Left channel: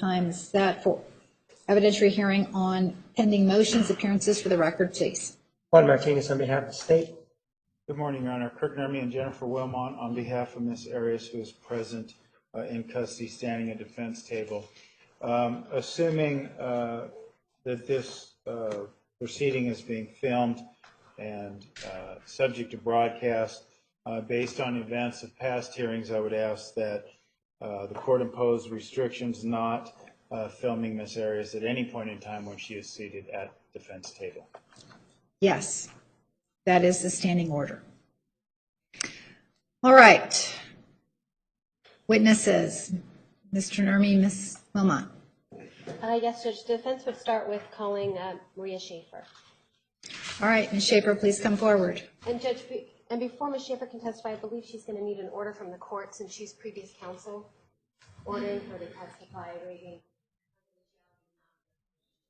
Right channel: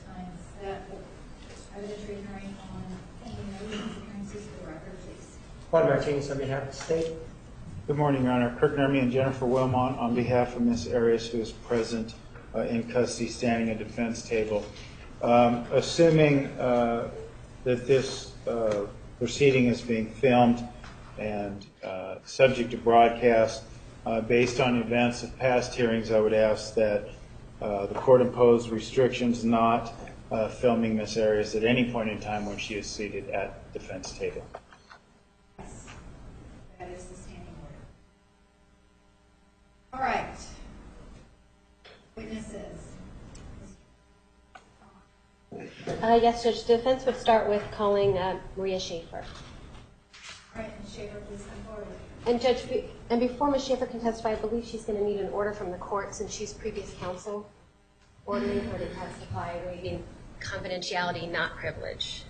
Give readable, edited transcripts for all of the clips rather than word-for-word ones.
Time is that for evidentiary hearing on pending motions. Appearances for the record, please. Juan Martinez on behalf of the state. Good morning, Your Honor. Kirk Nermi and Jennifer Wilmot on behalf of Ms. Arias, who is present in custody standing at defense table. Assuming that this proceeding is being filmed and subject to broadcast, based on events of past hearings, I would ask that the court impose restrictions not filming Ms. Arias at any point in time when she is seated at defense table. Yes, that is the standing order. All right. Witnesses. Mr. Nermi, Ms. Wilmot. Yes, Judge. The defense would start with calling Maria Schaefer. All right, Ms. Schaefer, please come forward. And Judge, and before Ms. Schaefer can testify, I believe she's going to need an order from the court since she's previous counsel, ordering her to testify, waiving confidentiality, not privilege.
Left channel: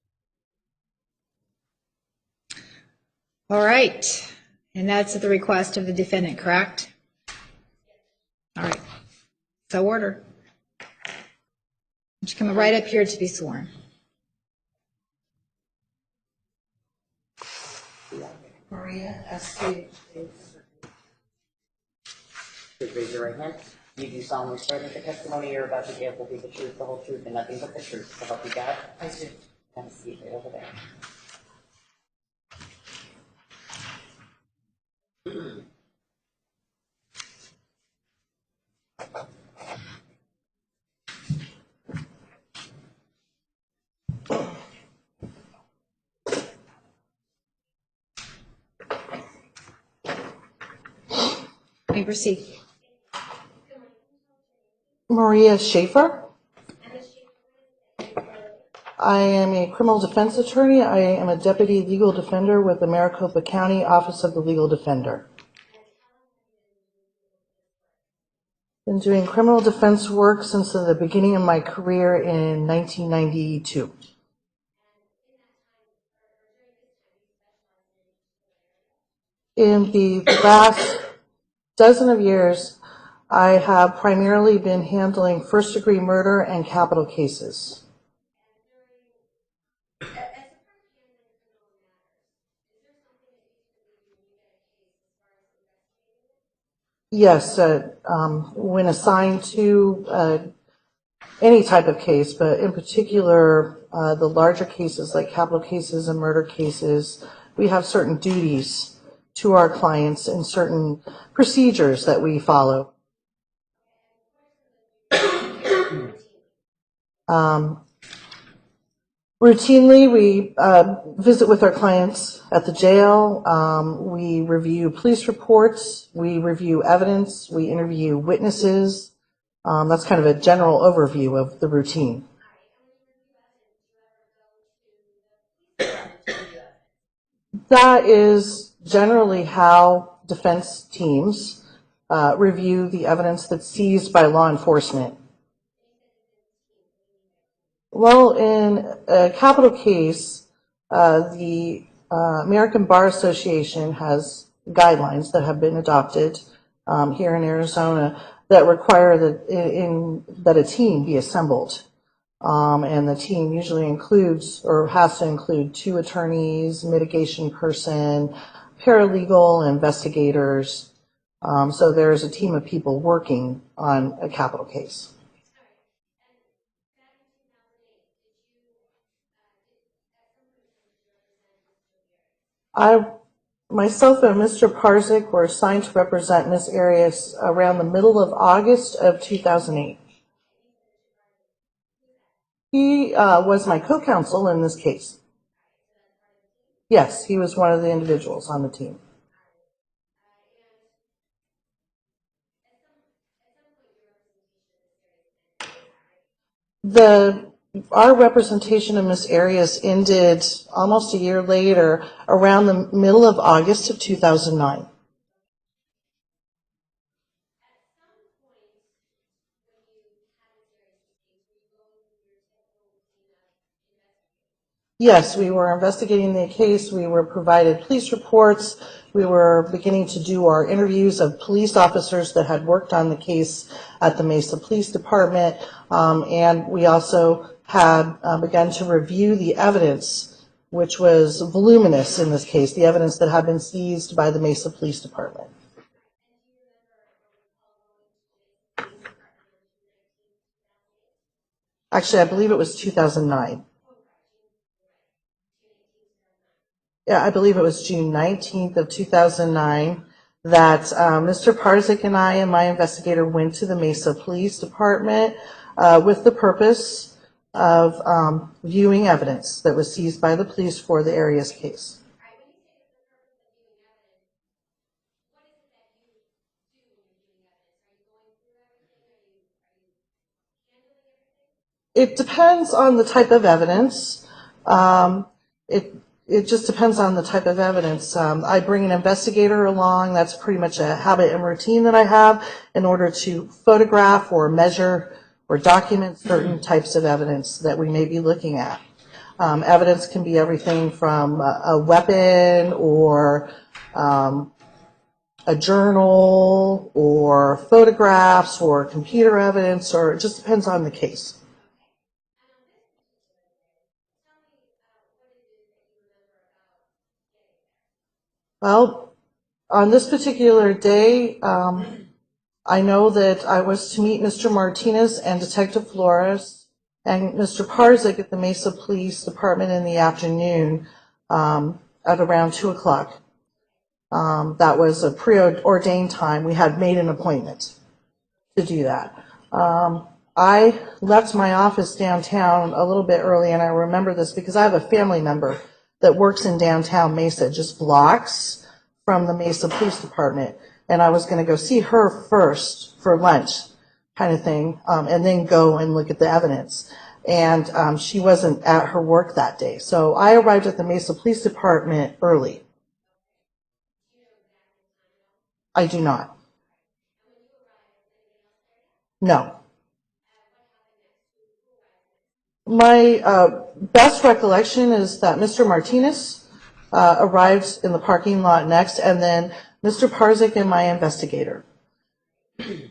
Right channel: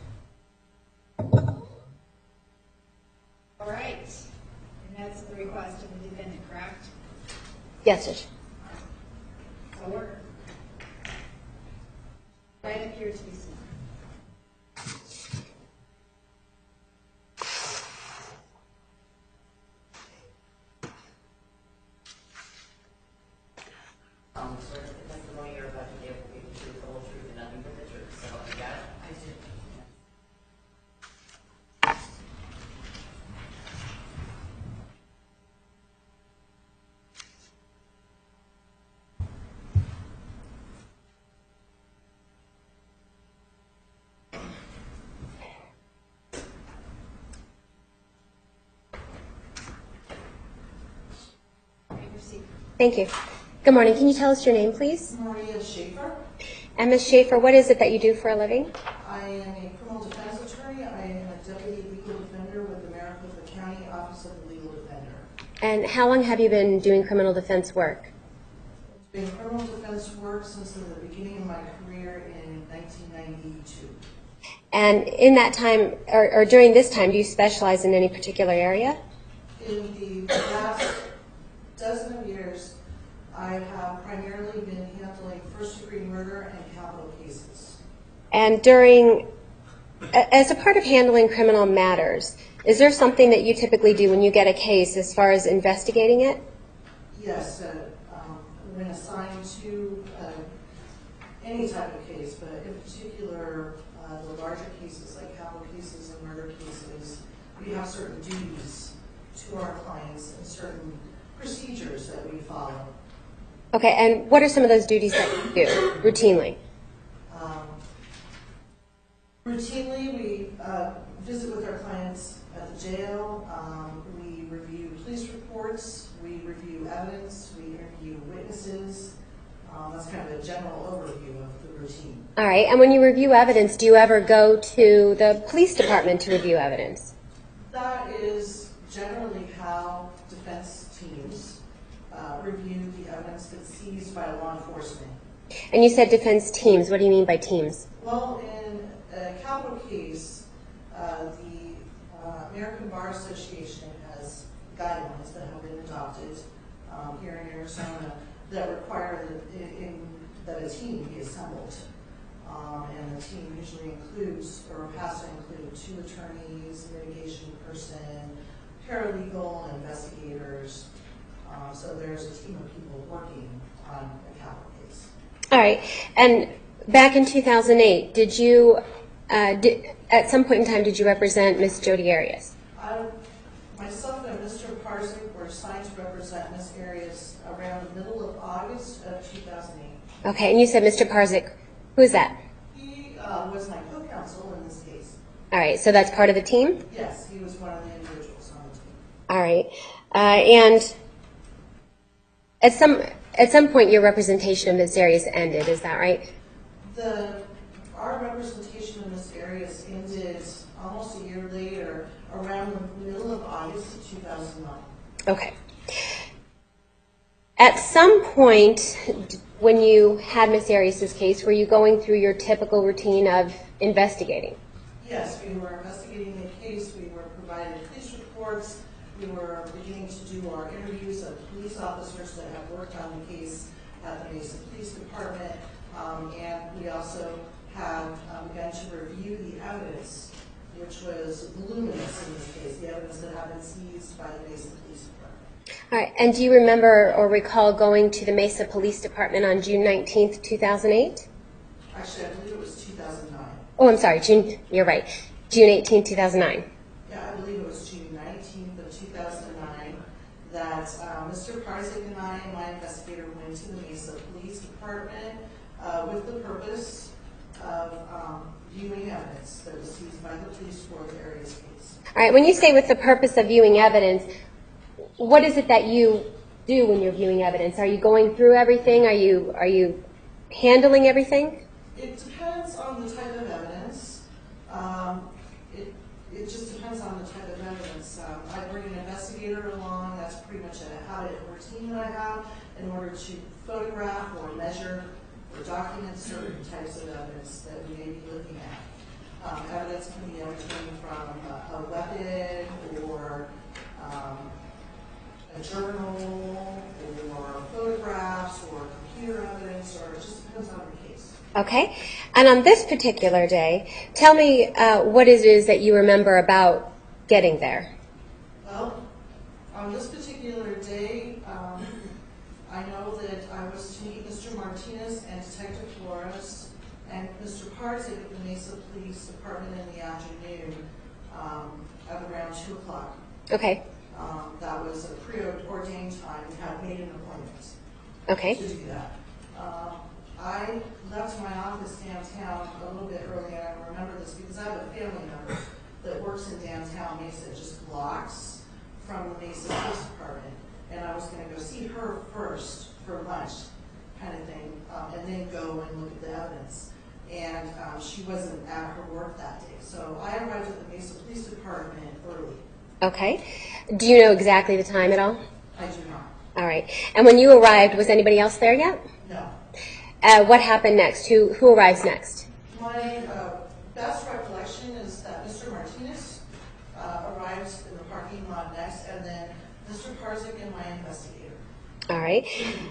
All right. And that's at the request of the defendant, correct? Yes, Judge. All right. So order. Would you come right up here to be sworn? Maria, please raise your right hand. You do solemnly swear that the testimony you're about to give will be the truth, the whole truth, and nothing but the truth. So help you God. I do. Have a seat right over there. You may proceed. Thank you. Good morning. Can you tell us your name, please? Maria Schaefer. And Ms. Schaefer, what is it that you do for a living? I am a criminal defense attorney. I am a deputy legal defender with the Maricopa County Office of the Legal Defender. And how long have you been doing criminal defense work? Been doing criminal defense work since the beginning of my career in 1992. And in that time, or during this time, do you specialize in any particular area? In the last dozen of years, I have primarily been handling first-degree murder and capital cases. And as a part of handling criminal matters, is there something that you typically do when you get a case as far as investigating it? Yes, when assigned to any type of case, but in particular the larger cases like capital cases and murder cases, we have certain duties to our clients and certain procedures that we follow. Okay, and what are some of those duties that you do routinely? Routinely, we visit with our clients at the jail. We review police reports. We review evidence. We interview witnesses. That's kind of a general overview of the routine. All right, and when you review evidence, do you ever go to the police department to review evidence? That is generally how defense teams review the evidence that's seized by law enforcement. And you said defense teams. What do you mean by teams? Well, in a capital case, the American Bar Association has guidelines that have been adopted here in Arizona that require that a team be assembled. And the team usually includes or has to include 2 attorneys, mitigation person, paralegal, investigators. So there's a team of people working on a capital case. All right, and back in 2008, did you, at some point in time, did you represent Ms. Jodi Arias? Myself and Mr. Parzik were assigned to represent Ms. Arias around the middle of August of 2008. Okay, and you said Mr. Parzik. Who is that? He was my co-counsel in this case. All right, so that's part of the team? Yes, he was one of the individuals on the team. All right, and at some point your representation of Ms. Arias ended, is that right? Our representation of Ms. Arias ended almost a year later, around the middle of August of 2009. Okay. At some point when you had Ms. Arias' case, were you going through your typical routine of investigating? Yes, we were investigating the case. We were provided police reports. We were beginning to do our interviews of police officers that had worked on the case at the Mesa Police Department, and we also had begun to review the evidence, which was voluminous in this case, the evidence that had been seized by the Mesa Police Department. All right, and do you remember or recall going to the Mesa Police Department on June 19th, 2008? Actually, I believe it was 2009. Oh, I'm sorry, you're right, June 18th, 2009. Yeah, I believe it was June 19th of 2009 that Mr. Parzik and I and my investigator went to the Mesa Police Department with the purpose of viewing evidence that was seized by the police for the Arias case. All right, when you say with the purpose of viewing evidence, what is it that you do when you're viewing evidence? Are you going through everything? Are you handling everything? It depends on the type of evidence. It just depends on the type of evidence. I bring an investigator along. That's pretty much a habit and routine that I have in order to photograph or measure or document certain types of evidence that we may be looking at. Evidence can be everything from a weapon or a journal or photographs or computer evidence, or it just depends on the case. Okay. And on this particular day, tell me what it is that you remember about getting there. Well, on this particular day, I know that I was to meet Mr. Martinez and Detective Flores and Mr. Parzik at the Mesa Police Department in the afternoon at around 2 o'clock. Okay. That was a preordained time. We had made an appointment Okay. to do that. I left my office downtown a little bit early, and I remember this because I have a family member that works in downtown Mesa, just blocks from the Mesa Police Department, and I was going to go see her first for lunch kind of thing, and then go and look at the evidence. And she wasn't at her work that day, so I arrived at the Mesa Police Department early. Okay. Do you know exactly the time at all? I do not. All right. And when you arrived, was anybody else there yet? No. What happened next? Who arrives next? My best recollection is that Mr. Martinez arrived in the parking lot next, and then Mr. Parzik and my investigator. All right.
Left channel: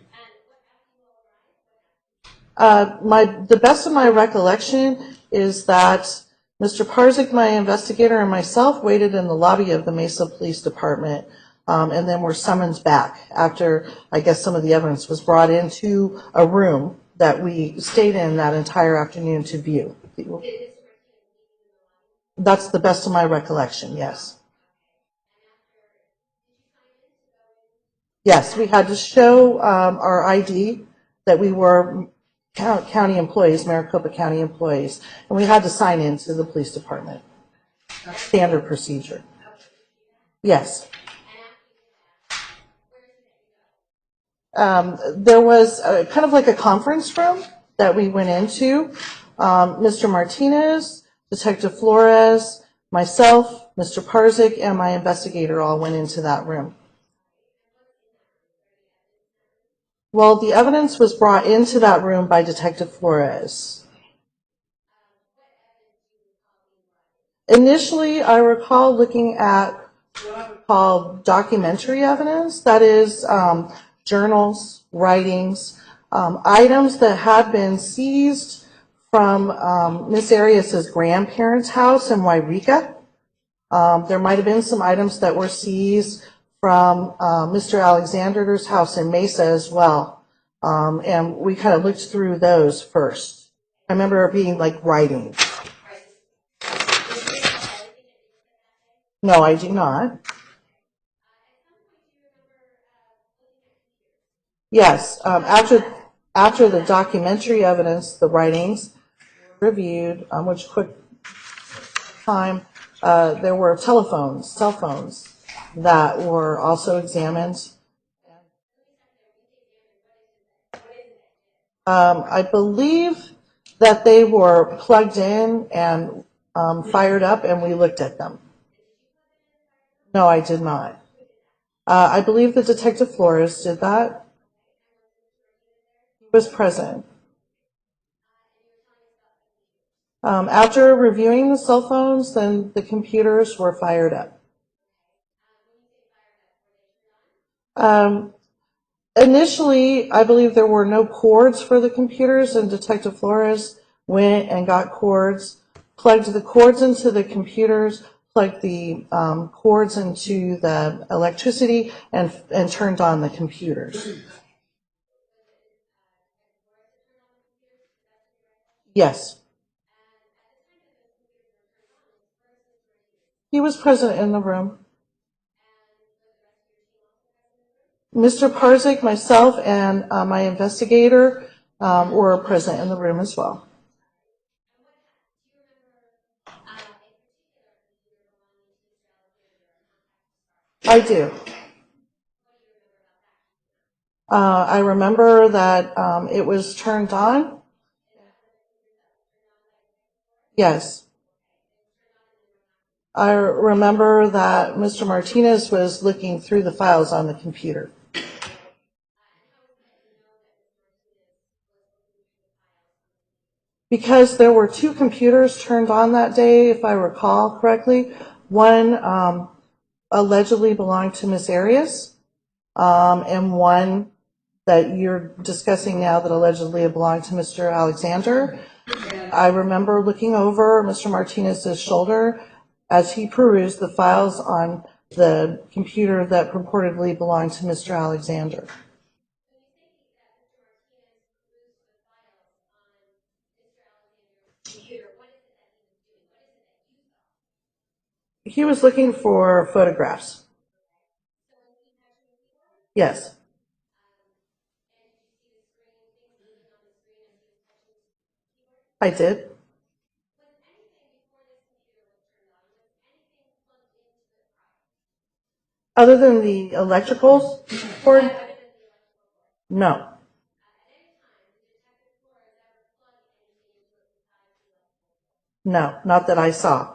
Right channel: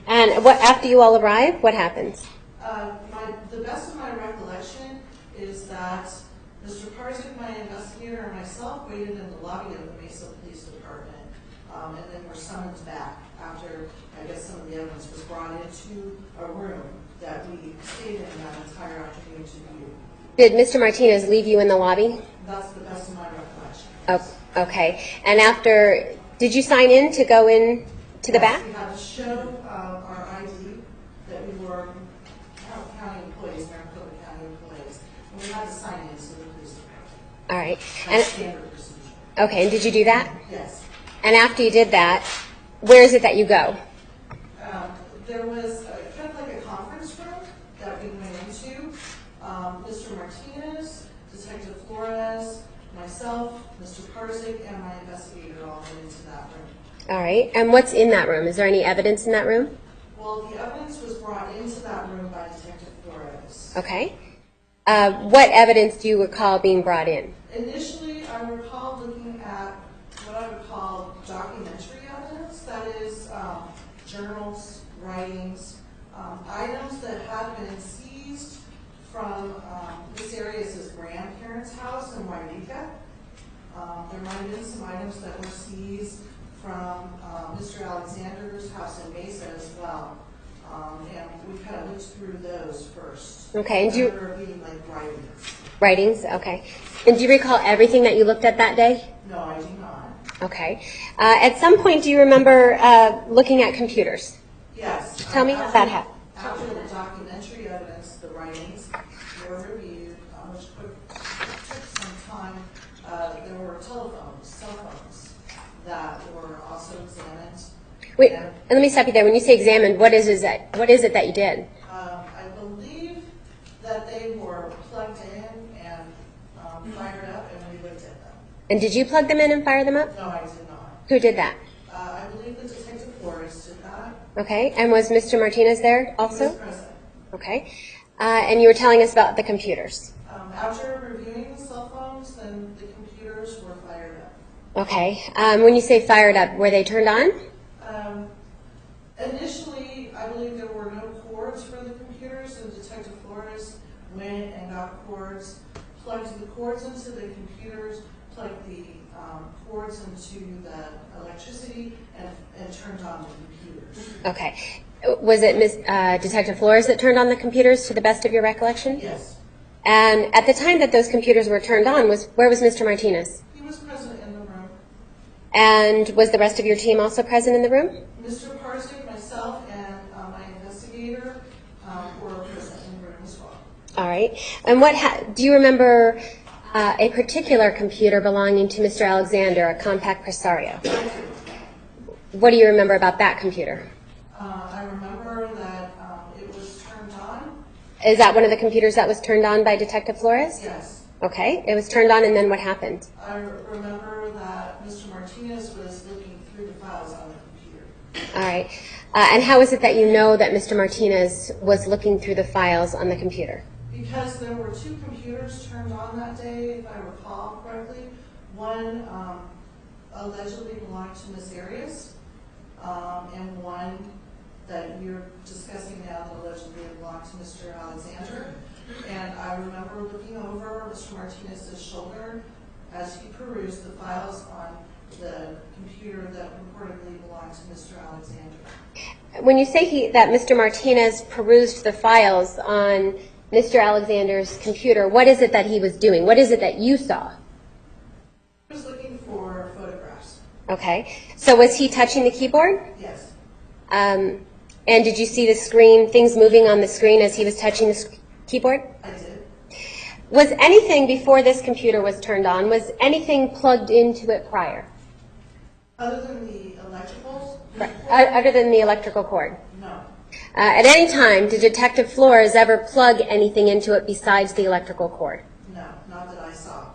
And what after you all arrive, what happens? The best of my recollection is that Mr. Parzik, my investigator, and myself waited in the lobby of the Mesa Police Department, and then were summoned back after, I guess, some of the evidence was brought into a room that we stayed in that entire afternoon to view. Did Mr. Martinez leave you in the lobby? That's the best of my recollection, yes. Oh, okay. And after, did you sign in to go in to the back? Yes, we had to show our ID that we were county employees, Maricopa County employees, and we had to sign in to the police department. All right. That's standard procedure. Okay, and did you do that? Yes. And after you did that, where is it that you go? There was kind of like a conference room that we went into. Mr. Martinez, Detective Flores, myself, Mr. Parzik, and my investigator all went into that room. All right. And what's in that room? Is there any evidence in that room? Well, the evidence was brought into that room by Detective Flores. Okay. What evidence do you recall being brought in? Initially, I recall looking at what I would call documentary evidence, that is journals, writings, items that had been seized from Miss Arias's grandparents' house in Wairika. There might have been some items that were seized from Mr. Alexander's house in Mesa as well. And we kind of looked through those first. Okay. I remember it being like writings. Writings? Okay. And do you recall everything that you looked at that day? No, I do not. Okay. At some point, do you remember looking at computers? Yes. Tell me how that happened. After the documentary evidence, the writings were reviewed, which took time, there were cell phones that were also examined. Wait, and let me stop you there. When you say examined, what is it that you did? I believe that they were plugged in and fired up, and we looked at them. And did you plug them in and fire them up? No, I did not. Who did that? I believe the Detective Flores did that. Okay. And was Mr. Martinez there also? Was present. Okay. And you were telling us about the computers. After reviewing the cell phones, then the computers were fired up. Okay. When you say fired up, were they turned on? Initially, I believe there were no cords for the computers, and Detective Flores went and got cords, plugged the cords into the computers, plugged the cords into the electricity, and turned on the computers. Okay. Was it Detective Flores that turned on the computers, to the best of your recollection? Yes. And at the time that those computers were turned on, where was Mr. Martinez? He was present in the room. And was the rest of your team also present in the room? Mr. Parzik, myself, and my investigator were present in the room as well. All right. And do you remember a particular computer belonging to Mr. Alexander, a compact Presario? I do. What do you remember about that computer? I remember that it was turned on. Is that one of the computers that was turned on by Detective Flores? Yes. Okay. It was turned on, and then what happened? I remember that Mr. Martinez was looking through the files on the computer. All right. And how is it that you know that Mr. Martinez was looking through the files on the computer? Because there were two computers turned on that day, if I recall correctly. One allegedly belonged to Ms. Arias, and one that you're discussing now that allegedly belonged to Mr. Alexander. I remember looking over Mr. Martinez's shoulder as he perused the files on the computer that purportedly belonged to Mr. Alexander. When you say that Mr. Martinez perused the files on Mr. Alexander's computer, what is it that he was doing? What is it that you saw? He was looking for photographs. Okay. So was he touching the keyboard? Yes. And did you see the screen, things moving on the screen as he was touching the keyboard? I did. Was anything before this computer was turned on, was anything plugged into it prior? Other than the electricals? Other than the electrical cord? No. At any time, did Detective Flores ever plug anything into it besides the electrical cord? No, not that I saw.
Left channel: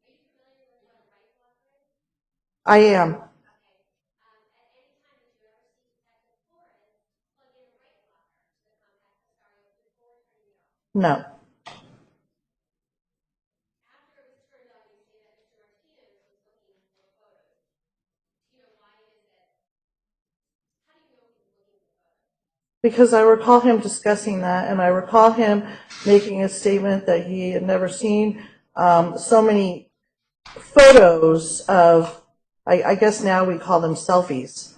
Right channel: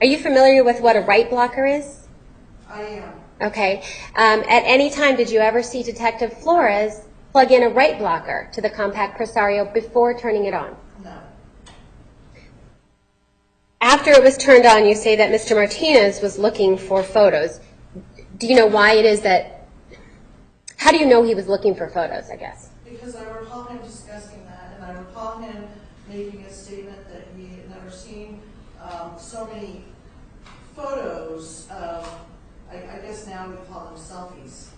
Are you familiar with what a write blocker is? I am. Okay. At any time, did you ever see Detective Flores plug in a write blocker to the compact Presario before turning it on? No. After it was turned on, you say that Mr. Martinez was looking for photos. Do you know why it is that, how do you know he was looking for photos, I guess? Because I recall him discussing that, and I recall him making a statement that he had never seen so many photos of, I guess now we call them selfies.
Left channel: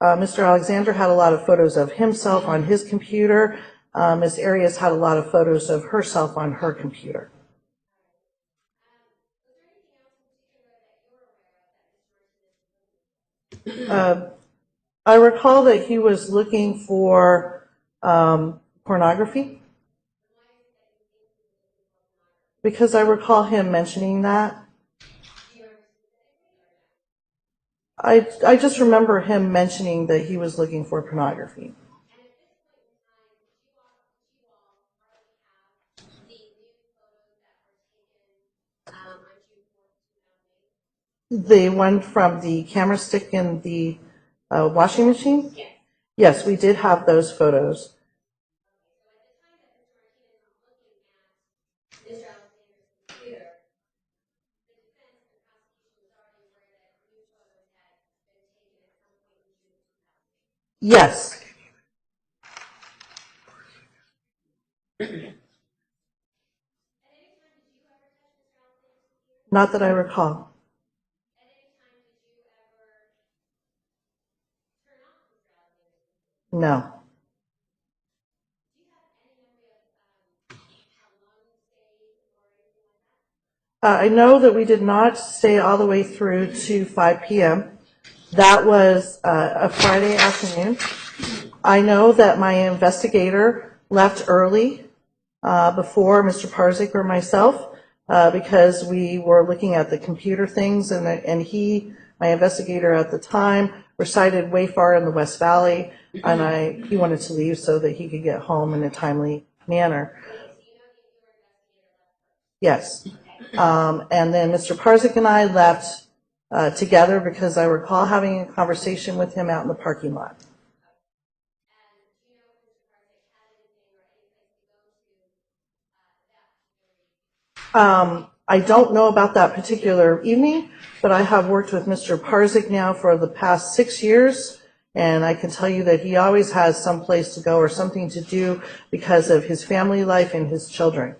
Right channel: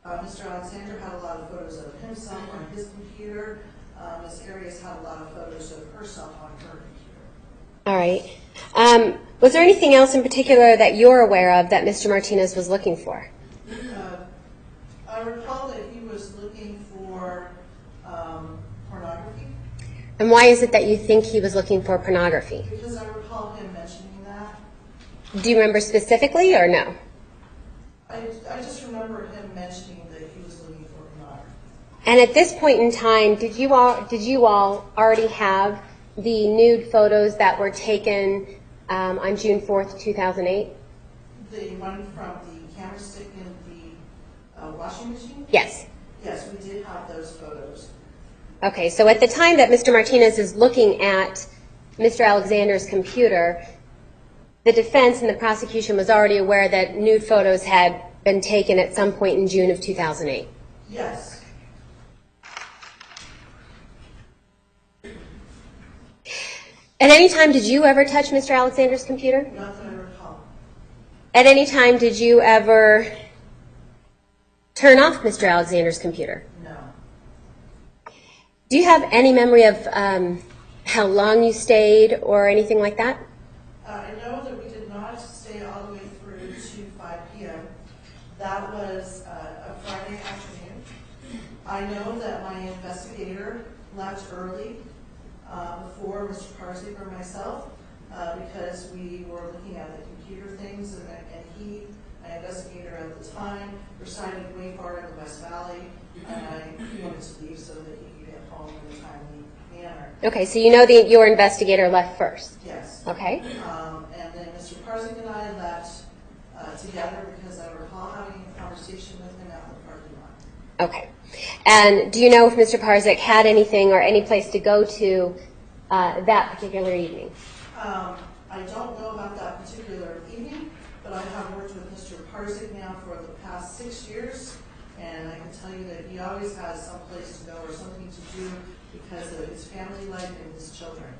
Mr. Alexander had a lot of photos of himself on his computer. Ms. Arias had a lot of photos of herself on her computer. All right. Was there anything else in particular that you're aware of that Mr. Martinez was looking for? I recall that he was looking for pornography. And why is it that you think he was looking for pornography? Because I recall him mentioning that. Do you remember specifically or no? I just remember him mentioning that he was looking for pornography. And at this point in time, did you all already have the nude photos that were taken on June 4th, 2008? The one from the camera stick in the washing machine? Yes. Yes, we did have those photos. Okay, so at the time that Mr. Martinez is looking at Mr. Alexander's computer, the defense and the prosecution was already aware that nude photos had been taken at some point in June of 2008. Yes. At any time, did you ever touch Mr. Alexander's computer? Not that I recall. At any time, did you ever turn off Mr. Alexander's computer? No. Do you have any memory of how long you stayed or anything like that? I know that we did not stay all the way through to 5 p.m. That was a Friday afternoon. I know that my investigator left early before Mr. Parzik or myself because we were looking at the computer things, and he, my investigator at the time, resided way far in the West Valley, and he wanted to leave so that he could get home in a timely manner. Okay, so you know that your investigator left first. Yes. Okay. And then Mr. Parzik and I left together because I recall having a conversation with him out in the parking lot. Okay. And do you know if Mr. Parzik had anything or any place to go to that particular evening? I don't know about that particular evening, but I have worked with Mr. Parzik now for the past 6 years, And I can tell you that he always has some place to go or something to do because of his family life and his children.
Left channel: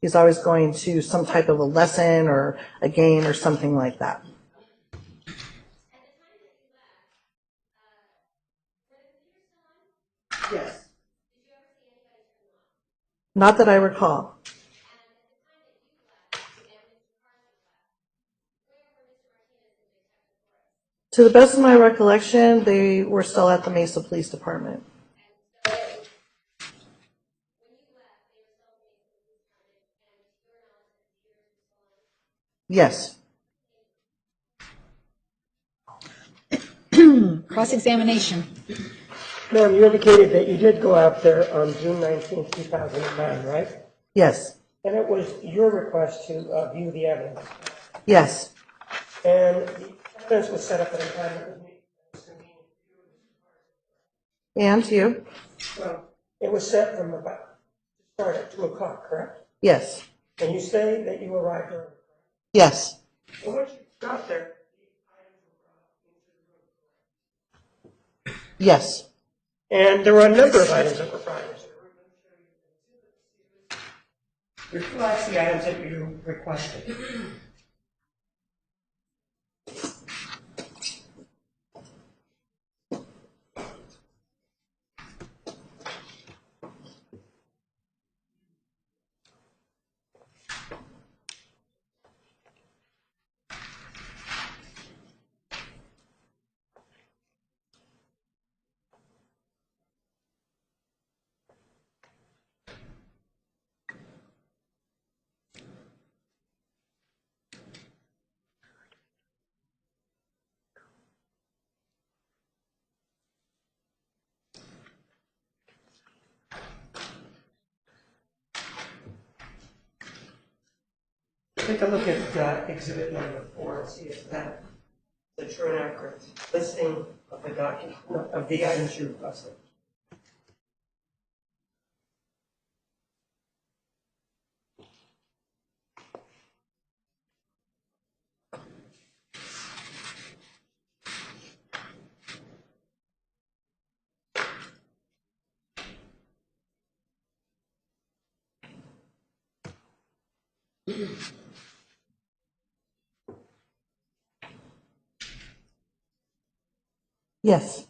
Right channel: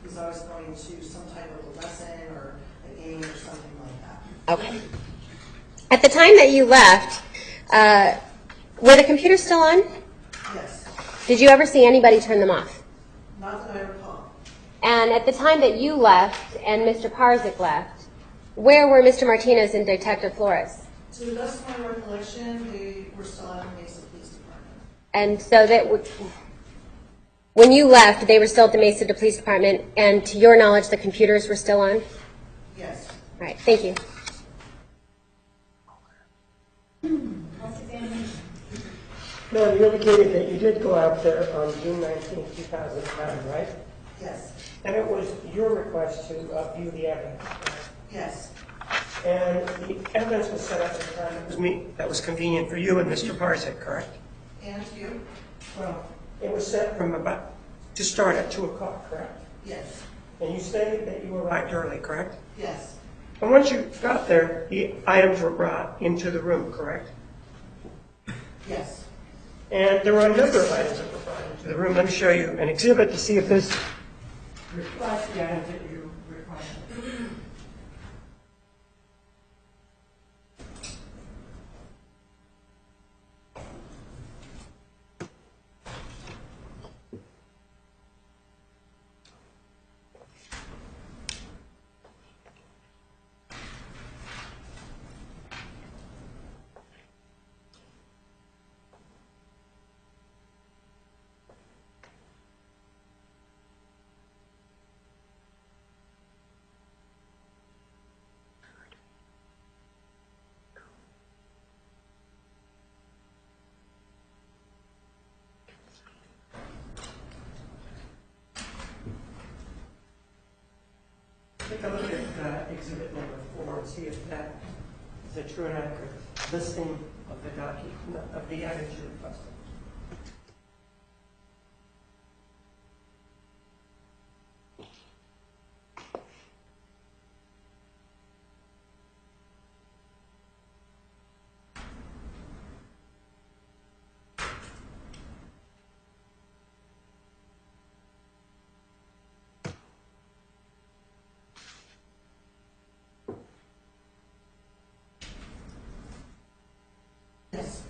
He's always going to some type of a lesson or a game or something like that. Okay. At the time that you left, were the computers still on? Yes. Did you ever see anybody turn them off? Not that I recall. And at the time that you left and Mr. Parzik left, where were Mr. Martinez and Detective Flores? To the best of my recollection, they were still at the Mesa Police Department. And so that when you left, they were still at the Mesa Police Department, and to your knowledge, the computers were still on? Yes. All right, thank you. Cross-examination. Ma'am, you indicated that you did go out there on June 19, 2009, right? Yes. And it was your request to view the evidence. Yes. And the evidence was set up at a time that was convenient for you and Mr. Parzik, correct? And you? Well, it was set to start at 2 o'clock, correct? Yes. And you say that you arrived early, correct? Yes. And once you got there, the items were brought into the room, correct? Yes. And there were a number of items that were brought into the room. Let me show you an exhibit to see if this reflects the items that you requested. Take a look at exhibit number 4 and see if that is a true and accurate listing of the document, of the items you requested. Yes.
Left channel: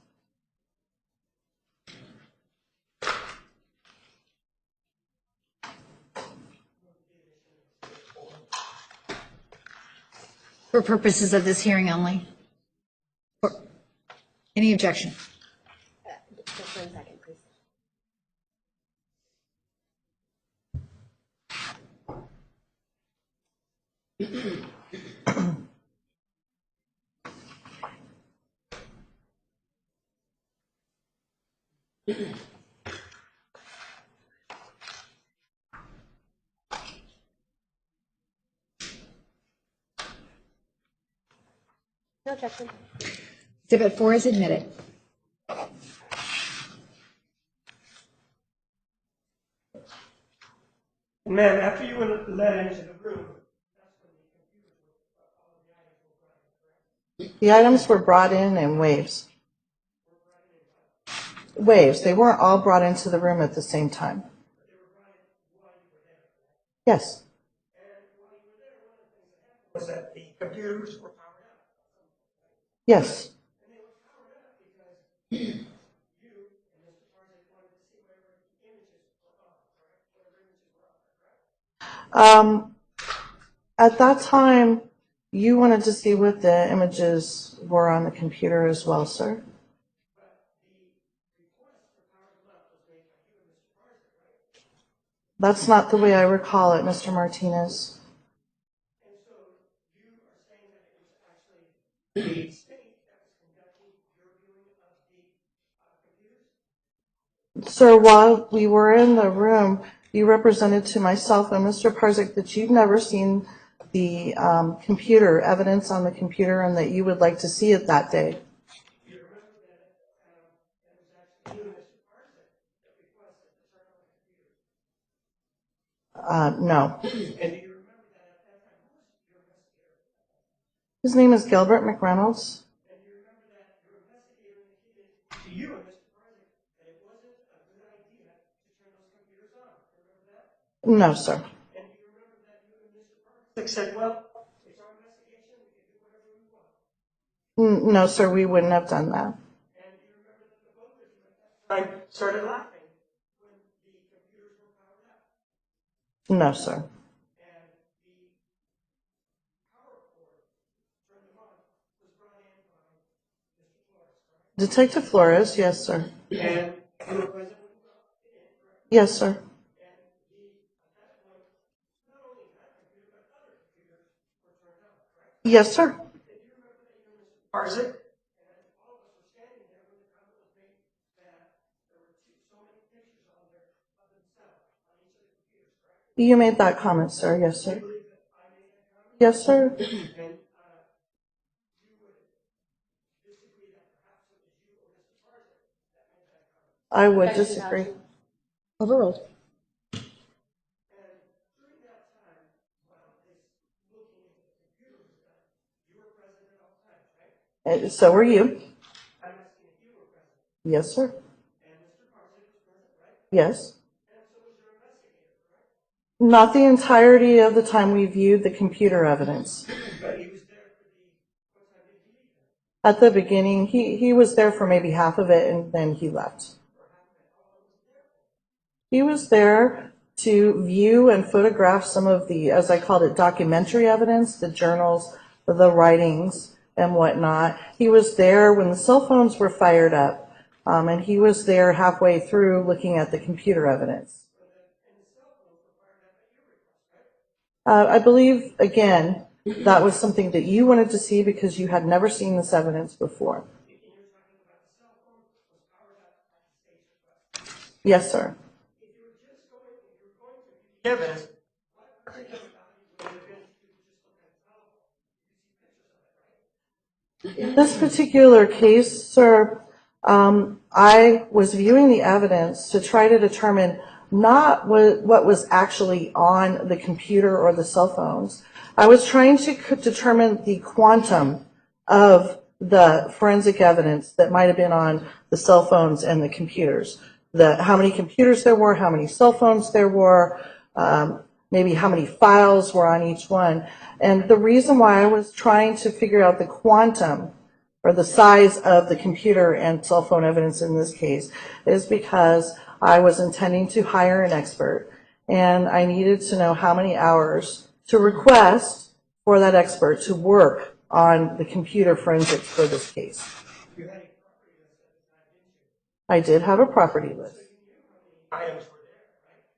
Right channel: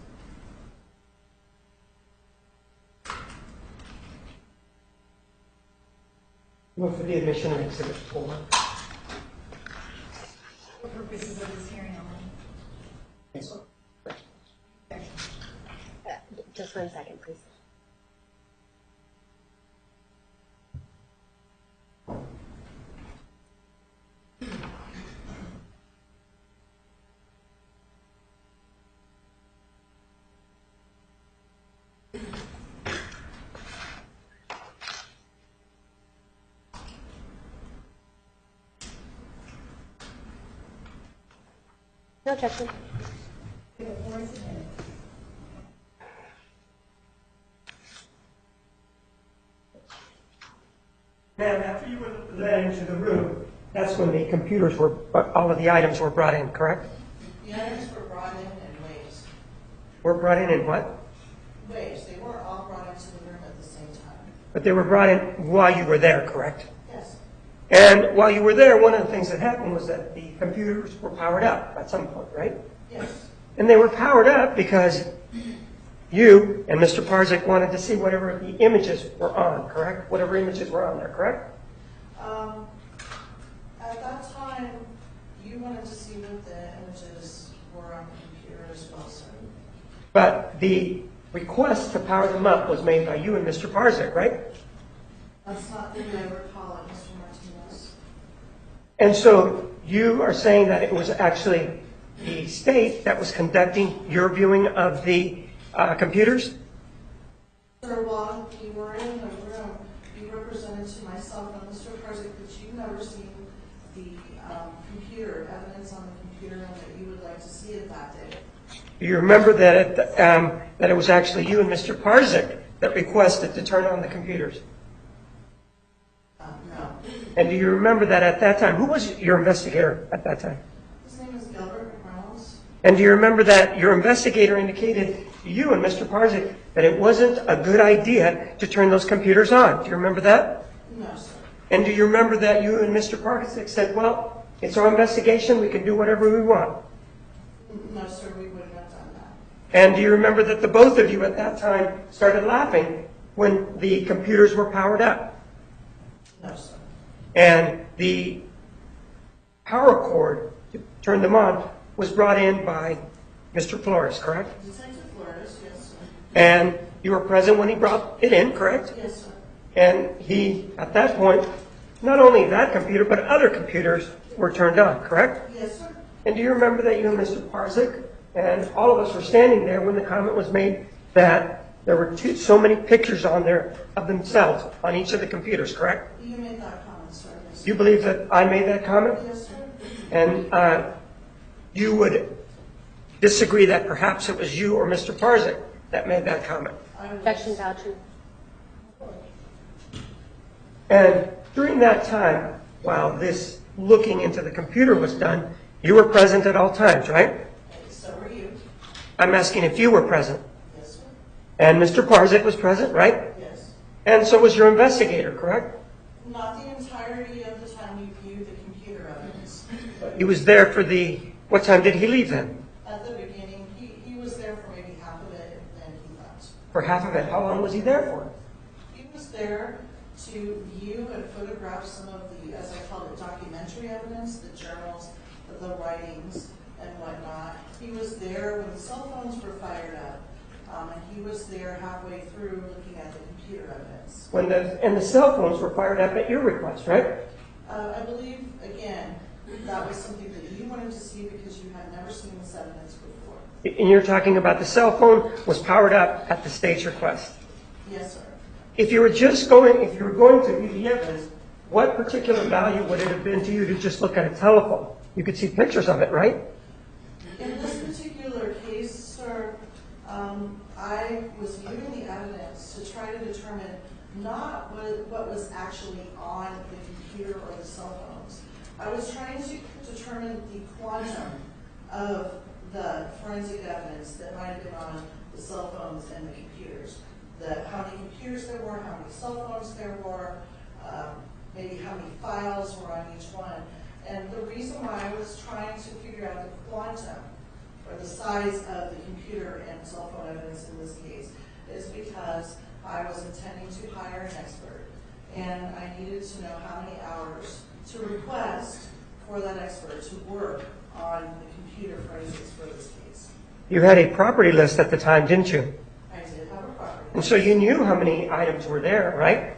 Move for the admission of exhibit 4. For purposes of this hearing only. Any objection? Just 1 second, please. No objection. Exhibit 4 is admitted. Ma'am, after you were led into the room, that's when the computers were, all of the items were brought in, correct? The items were brought in waves. Were brought in what? Waves. They weren't all brought into the room at the same time. But they were brought in while you were there, correct? Yes. And while you were there, one of the things that happened was that the computers were powered up at some point, right? Yes. And they were powered up because you and Mr. Parzik wanted to see whatever the images were on, correct? Whatever images were on there, correct? At that time, you wanted to see what the images were on the computer as well, sir? But the request to power them up was made by you and Mr. Parzik, right? That's not the way I recall it, Mr. Martinez. And so you are saying that it was actually the state that was conducting your viewing of the computers? Sir, while we were in the room, you represented to myself and Mr. Parzik that you'd never seen the computer, evidence on the computer, and that you would like to see it that day. You remember that that it was actually you and Mr. Parzik that requested to turn on the computers? No. And do you remember that at that time, who was your investigator at that time? His name is Gilbert McReynolds. And do you remember that your investigator indicated to you and Mr. Parzik that it wasn't a good idea to turn those computers on? Do you remember that? No, sir. And do you remember that you and Mr. Parzik said, well, it's our investigation, we can do whatever we want? No, sir, we wouldn't have done that. And do you remember that the both of you at that time started laughing when the computers were powered up? No, sir. And the power cord to turn them on was brought in by Mr. Flores, correct? Detective Flores, yes, sir. And you were present when he brought it in, correct? Yes, sir. And he, at that point, not only that computer, but other computers were turned on, correct? Yes, sir. And do you remember that you and Mr. Parzik and all of us were standing there when the comment was made that there were so many pictures on there of themselves on each of the computers, correct? You made that comment, sir. Yes, Do you sir. believe that I made that comment? Yes, sir. And you would disagree that perhaps it was you or Mr. Parzik that made that comment? I would Objection, disagree. vouching. Overruled. And during that time, while this looking into the computer was done, you were present at all times, right? So were you. I'm asking if you were present. Yes, sir. And Mr. Parzik was present, right? Yes. And so was your investigator, correct? Not the entirety of the time we viewed the computer evidence. He was there for what time did he leave then? At the beginning, he was there for maybe half of it, and then he left. For half of it. How long was he there for? He was there to view and photograph some of the, as I called it, documentary evidence, the journals, the writings, and whatnot. He was there when the cell phones were fired up, and he was there halfway through looking at the computer evidence. And the cell phones were fired up at your request, right? I believe, again, that was something that you wanted to see because you had never seen this evidence before. And you're talking about the cell phone was powered up at the state's request. Yes, sir. If you were going to view the evidence, what particular value would it have been to you to just look at a telephone? You could see pictures of it, right? In this particular case, sir, I was viewing the evidence to try to determine not what was actually on the computer or the cell phones. I was trying to determine the quantum of the forensic evidence that might have been on the cell phones and the computers. How many computers there were, how many cell phones there were, maybe how many files were on each one. And the reason why I was trying to figure out the quantum or the size of the computer and cell phone evidence in this case is because I was intending to hire an expert, and I needed to know how many hours to request for that expert to work on the computer forensics for this case. You had a property list at the time, didn't you? I did have a property And list. so you knew how many items were there, right?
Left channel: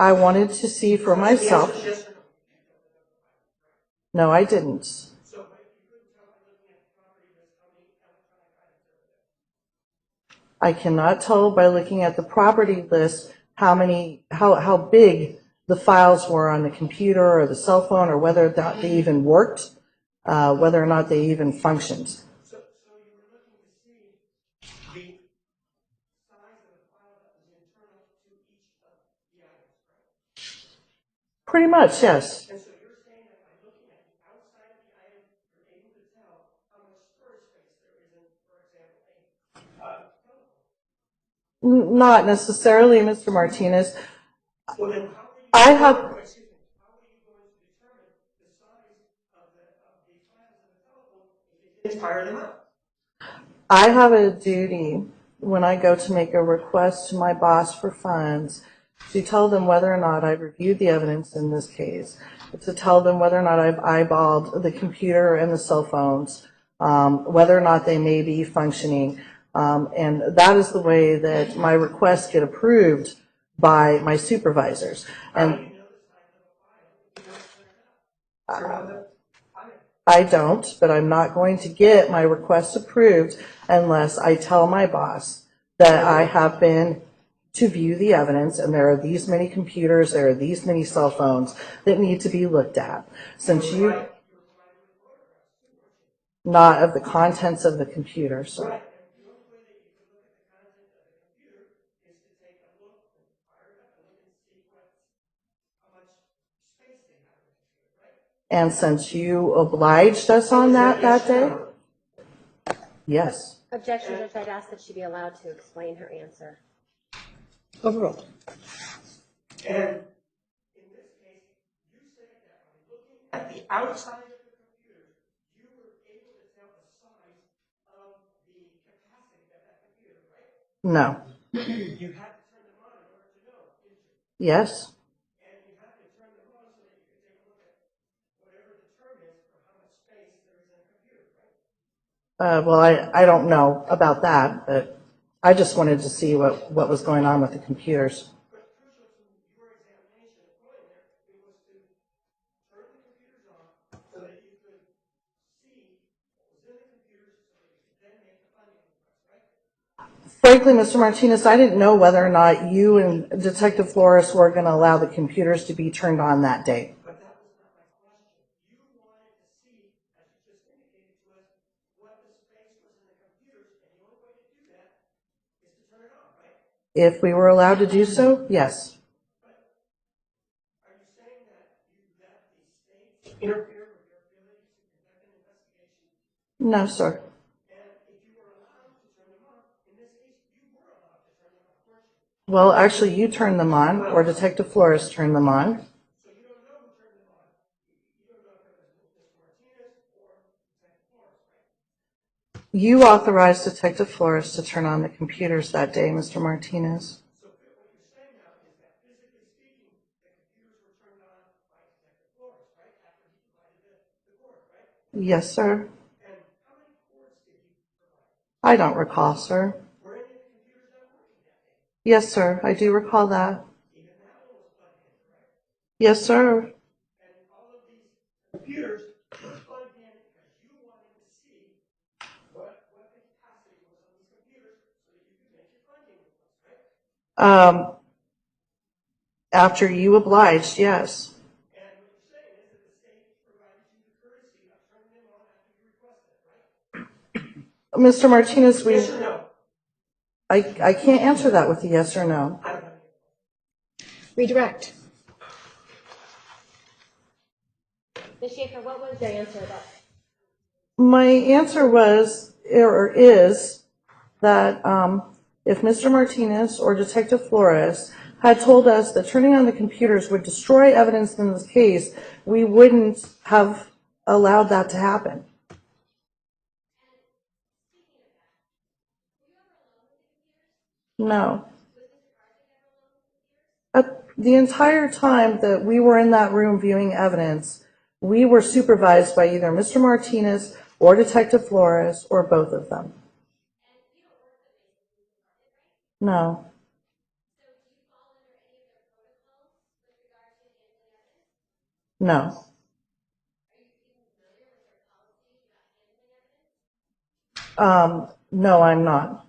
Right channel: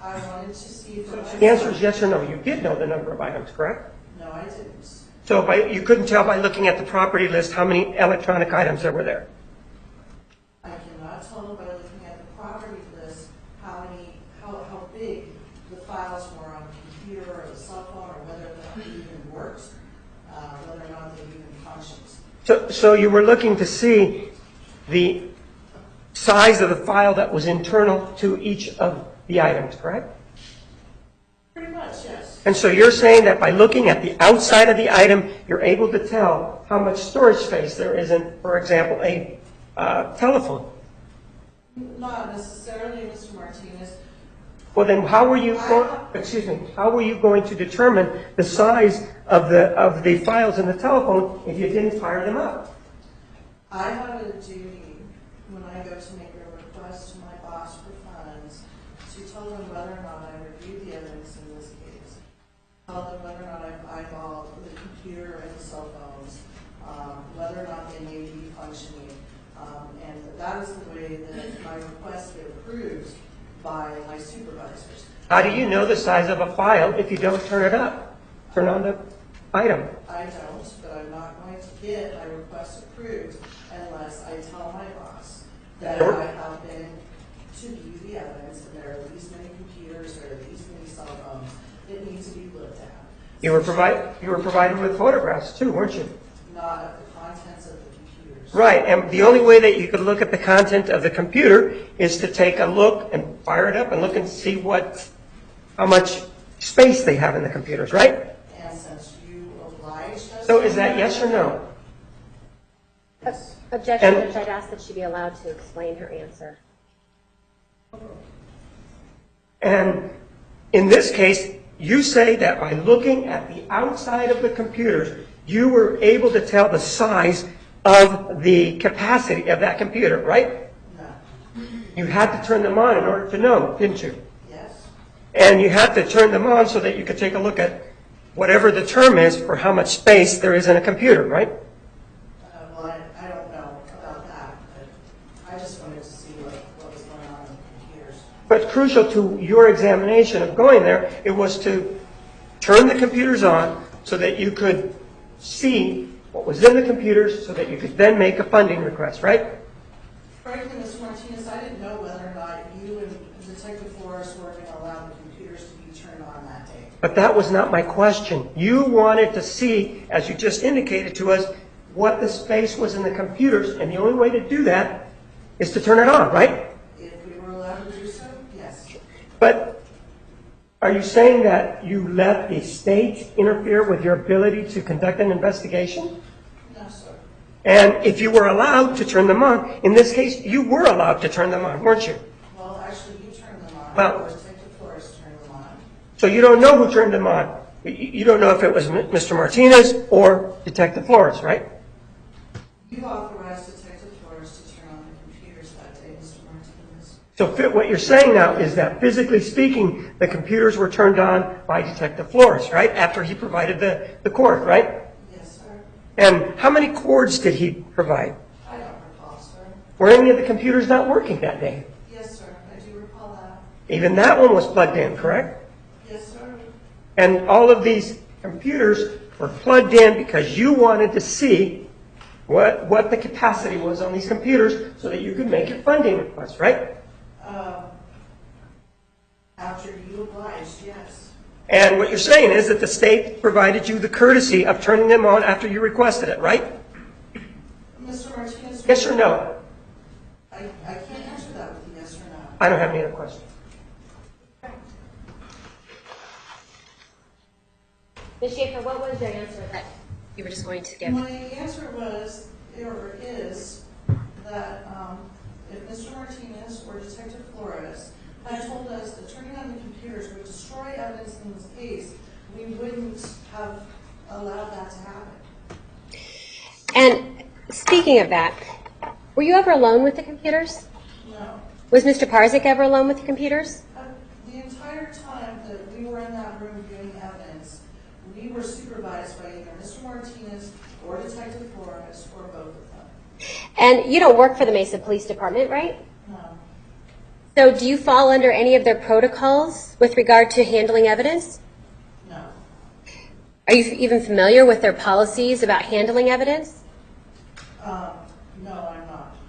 I wanted to see for The answer myself. is yes or no. You did know the number of items, correct? No, I didn't. So you couldn't tell by looking at the property list how many electronic items there were there. I cannot tell by looking at the property list how big the files were on the computer or the cell phone, or whether or not they even worked, whether or not they even functioned. So you were looking to see the size of the file that was internal to each of the items, correct? Pretty much, yes. And so you're saying that by looking at the outside of the item, you're able to tell how much storage space there is in, for example, a telephone. Not necessarily, Mr. Martinez. Well, then how were you? How were you going to determine the size of the files in the telephone if you didn't fire them up? I have a duty when I go to make a request to my boss for funds to tell them whether or not I've reviewed the evidence in this case, to tell them whether or not I've eyeballed the computer and the cell phones, whether or not they may be functioning. And that is the way that my requests get approved by my supervisors. How do you know the size of a file if you don't turn it up? Turn on the item. I don't, but I'm not going to get my requests approved unless I tell my boss that I have been to view the evidence and there are these many computers, there are these many cell phones that need to be looked at. You were provided with photographs too, weren't you? Not of the contents of the computers. Right, and the only way that you could look at the content of the computer is to take a look and fire it up and look and see how much space they have in the computers, right? And since you obliged us So on is that that yes that or day, no? Yes. Objection, And- Judge, I'd ask that she be allowed to explain her answer. Overruled. And in this case, you say that by looking at the outside of the computers, you were able to tell the size of the capacity of that computer, right? No. You had to turn them on in order to know, didn't you? Yes. And you had to turn them on so that you could take a look at whatever the term is for how much space there is in a computer, right? Well, I don't know about that, but I just wanted to see what was going on with the computers. But crucial to your examination of going there, it was to turn the computers on so that you could see what was in the computers so that you could then make a funding request, right? Frankly, Mr. Martinez, I didn't know whether or not you and Detective Flores were going to allow the computers to be turned on that day. But that was not my question. You wanted to see, as you just indicated to us, what the space was in the computers, and the only way to do that is to turn it on, right? If we were allowed to do so, yes. But are you saying that you let the state interfere with your ability to conduct an investigation? No, sir. And if you were allowed to turn them on, in this case, you were allowed to turn them on, weren't you? Well, actually, you turned them on, Well- or Detective Flores turned them on. So you don't know who turned them on. You don't know if it was Mr. Martinez or Detective Flores, right? You authorized Detective Flores to turn on the computers that day, Mr. Martinez. So what you're saying now is that physically speaking, the computers were turned on by Detective Flores, right? After he provided the cord, right? Yes, sir. And how many cords did he provide? I don't recall, sir. Were any of the computers not working that day? Yes, sir. I do recall that. Even that one was plugged in, correct? Yes, sir. And all of these computers were plugged in because you wanted to see what the capacity was on these computers so that you could make your funding request, right? After you obliged, yes. And what you're saying is that the state provided you the courtesy of turning them on after you requested it, right? Mr. Martinez, Yes or no? I can't answer that with a yes or no. I don't have any other questions. Redirect. Ms. Schaefer, what was your answer that you were just going to give? My answer was, or is, that if Mr. Martinez or Detective Flores had told us that turning on the computers would destroy evidence in this case, we wouldn't have allowed that to happen. And speaking of that, were you ever alone with the computers? No. Was Mr. Parzik ever alone with the computers? The entire time that we were in that room viewing evidence, we were supervised by either Mr. Martinez or Detective Flores or both of them. And you don't work for the Mesa Police Department, right? No. So do you fall under any of their protocols with regard to handling evidence? No. Are you even familiar with their policies about handling evidence? No, I'm not.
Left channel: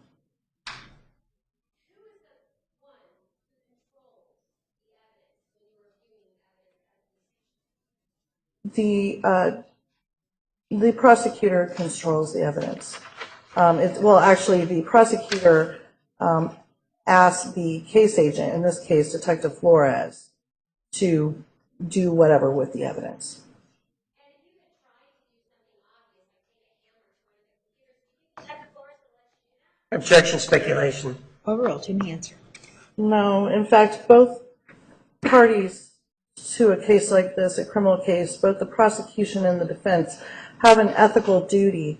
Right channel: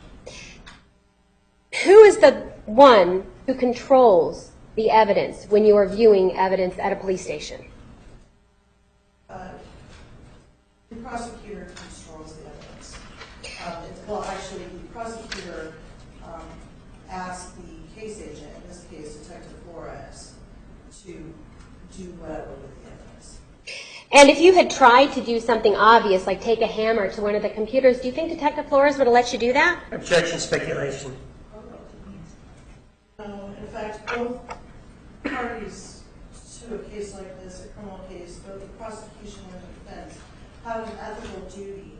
Who is the one who controls the evidence when you are viewing evidence at a police station? The prosecutor controls the evidence. Actually, the prosecutor asked the case agent, in this case Detective Flores, to do whatever with the evidence. And if you had tried to do something obvious, like take a hammer to one of the computers, do you think Detective Flores would have let you do that? Objection, speculation. Overruled. Give me the answer. No, in fact, both parties to a case like this, a criminal case, both the prosecution and the defense have an ethical duty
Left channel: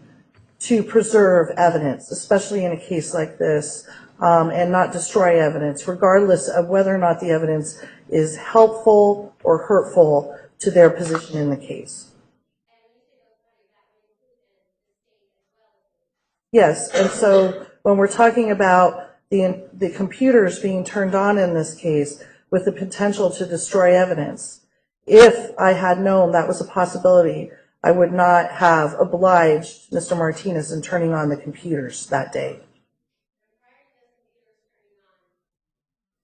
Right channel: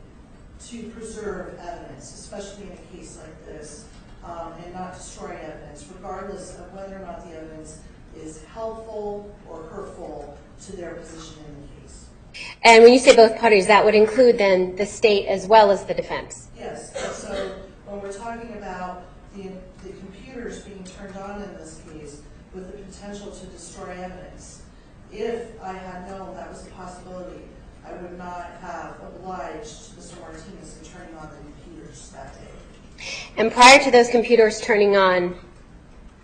to preserve evidence, especially in a case like this, and not destroy evidence, regardless of whether or not the evidence is helpful or hurtful to their position in the case. And when you say both parties, that would include then the state as well as the defense. Yes, and so when we're talking about the computers being turned on in this case with the potential to destroy evidence, if I had known that was a possibility, I would not have obliged Mr. Martinez in turning on the computers that day. And prior to those computers turning on,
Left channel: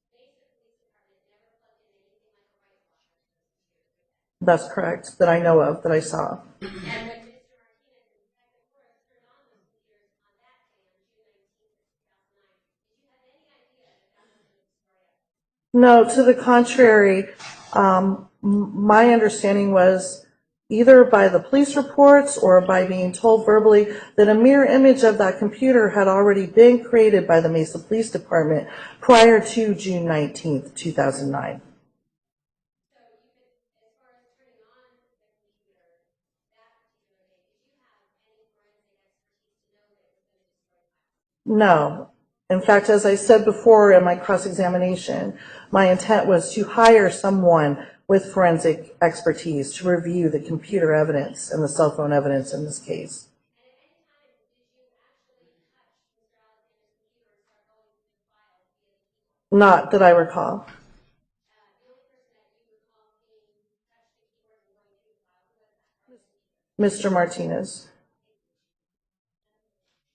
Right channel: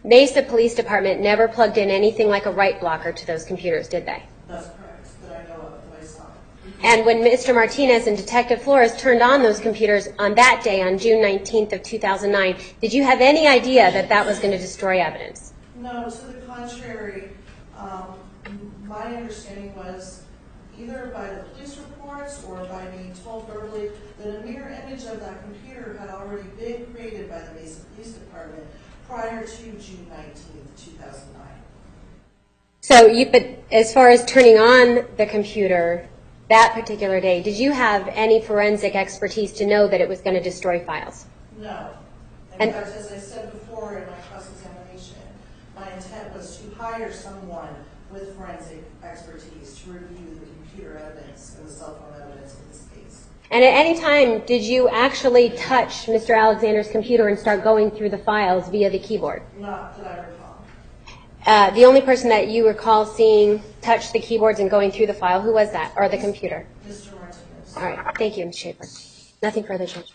Mesa Police Department never plugged in anything like a write blocker to those computers, did they? That's correct, that I know of, that I saw. And when Mr. Martinez and Detective Flores turned on those computers on that day, on June 19th of 2009, did you have any idea that that was going to destroy evidence? No, to the contrary, my understanding was either by the police reports or by being told verbally that a mirror image of that computer had already been created by the Mesa Police Department prior to June 19th, 2009. So but as far as turning on the computer that particular day, did you have any forensic expertise to know that it was going to destroy files? No. In fact, as I said before in my cross-examination, my intent was to hire someone with forensic expertise to review the computer evidence and the cell phone evidence in this case. And at any time, did you actually touch Mr. Alexander's computer and start going through the files via the keyboard? Not that I recall. The only person that you recall seeing touch the keyboards and going through the file, who was that, or the computer? Mr. Martinez. All right. Thank you, Ms. Schaefer. Nothing further, Judge.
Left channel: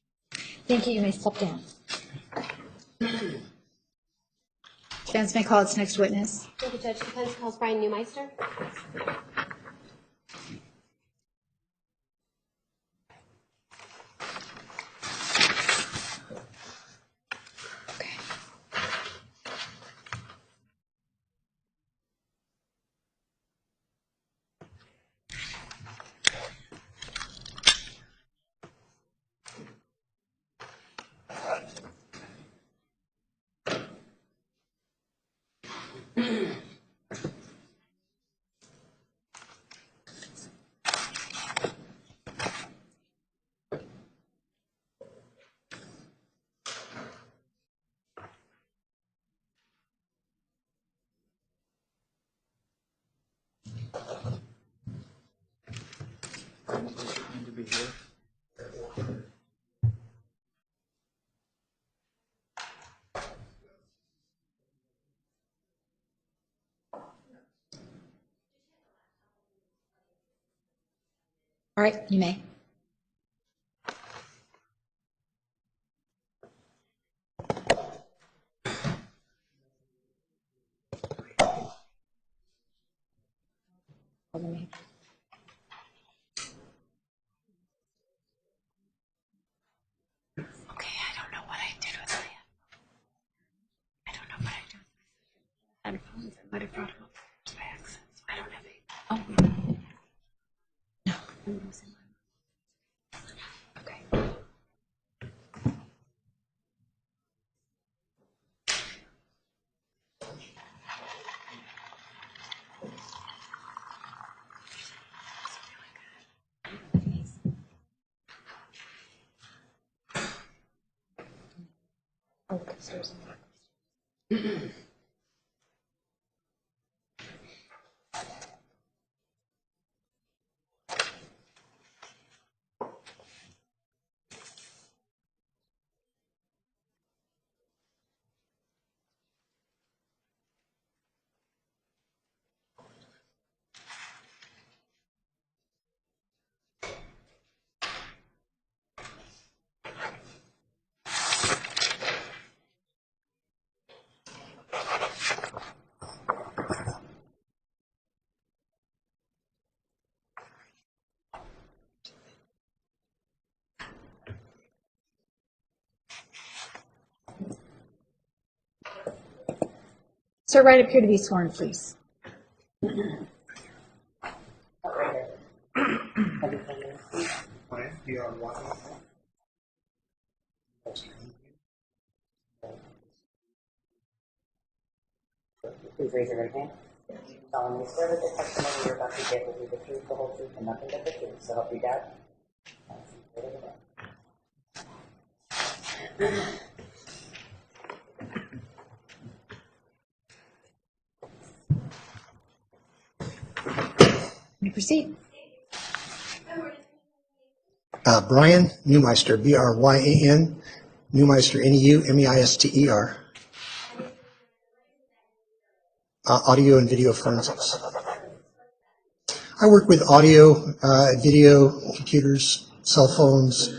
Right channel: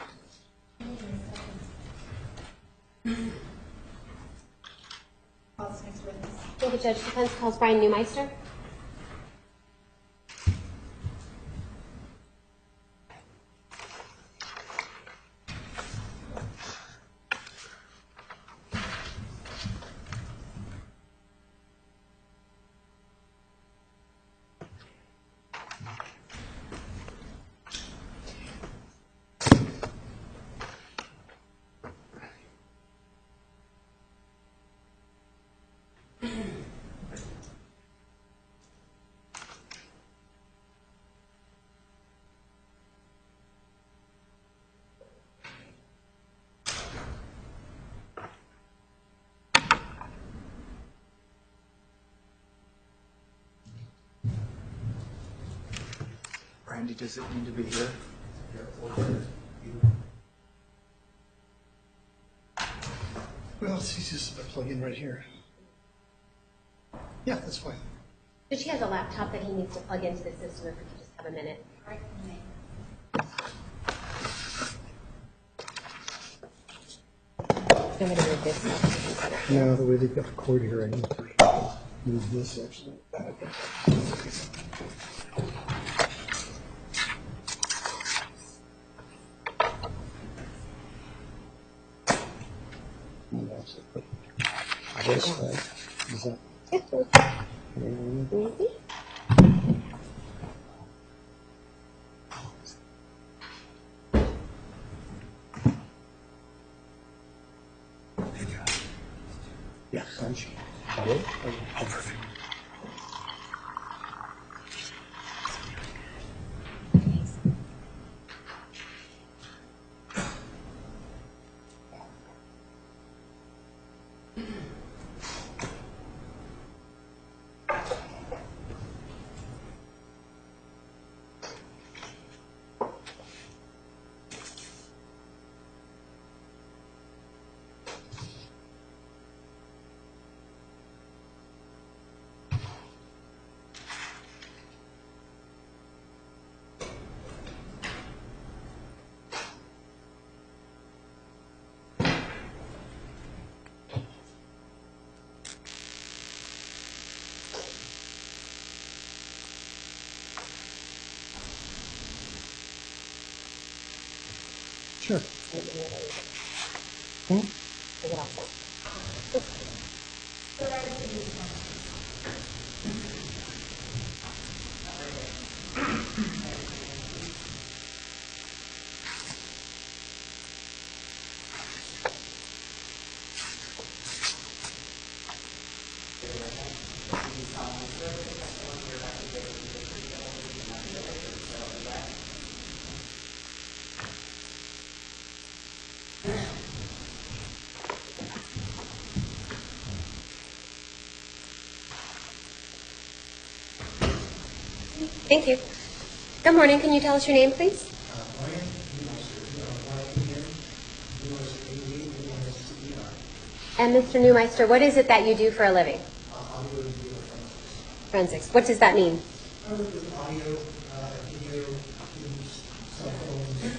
Thank you. You may step down. Defense may call its next witness. Thank you, Judge. Defense calls Brian Neumeister. Randy, does it need to be here? Well, it's easiest if I plug in right here. Yeah, that's fine. Judge, he has a laptop that he needs to plug into the system if we could just have a minute. All right, you may. I'm going to move this. Now, the way they've got the cord here, I need to move this actually. Okay, I don't know what I did with it. I don't know This way. Is that what I did. No. Okay. yeah, I'm sure. Good? Sure. Sir, right up here to be sworn, please. Please raise your right hand. Do you solemnly swear that the testimony you're about to give will be the truth, the whole truth, and nothing but the truth, so help you God? You proceed. Thank you. Good morning. Can you tell us your name, please? Brian Neumeister, B-R-Y-A-N, Neumeister, N-E-U-M-E-I-S-T-E-R, And Mr. Neumeister, what is it that you do for a living? audio and video forensics. Forensics. What does that mean? I work with audio, video, computers, cell phones,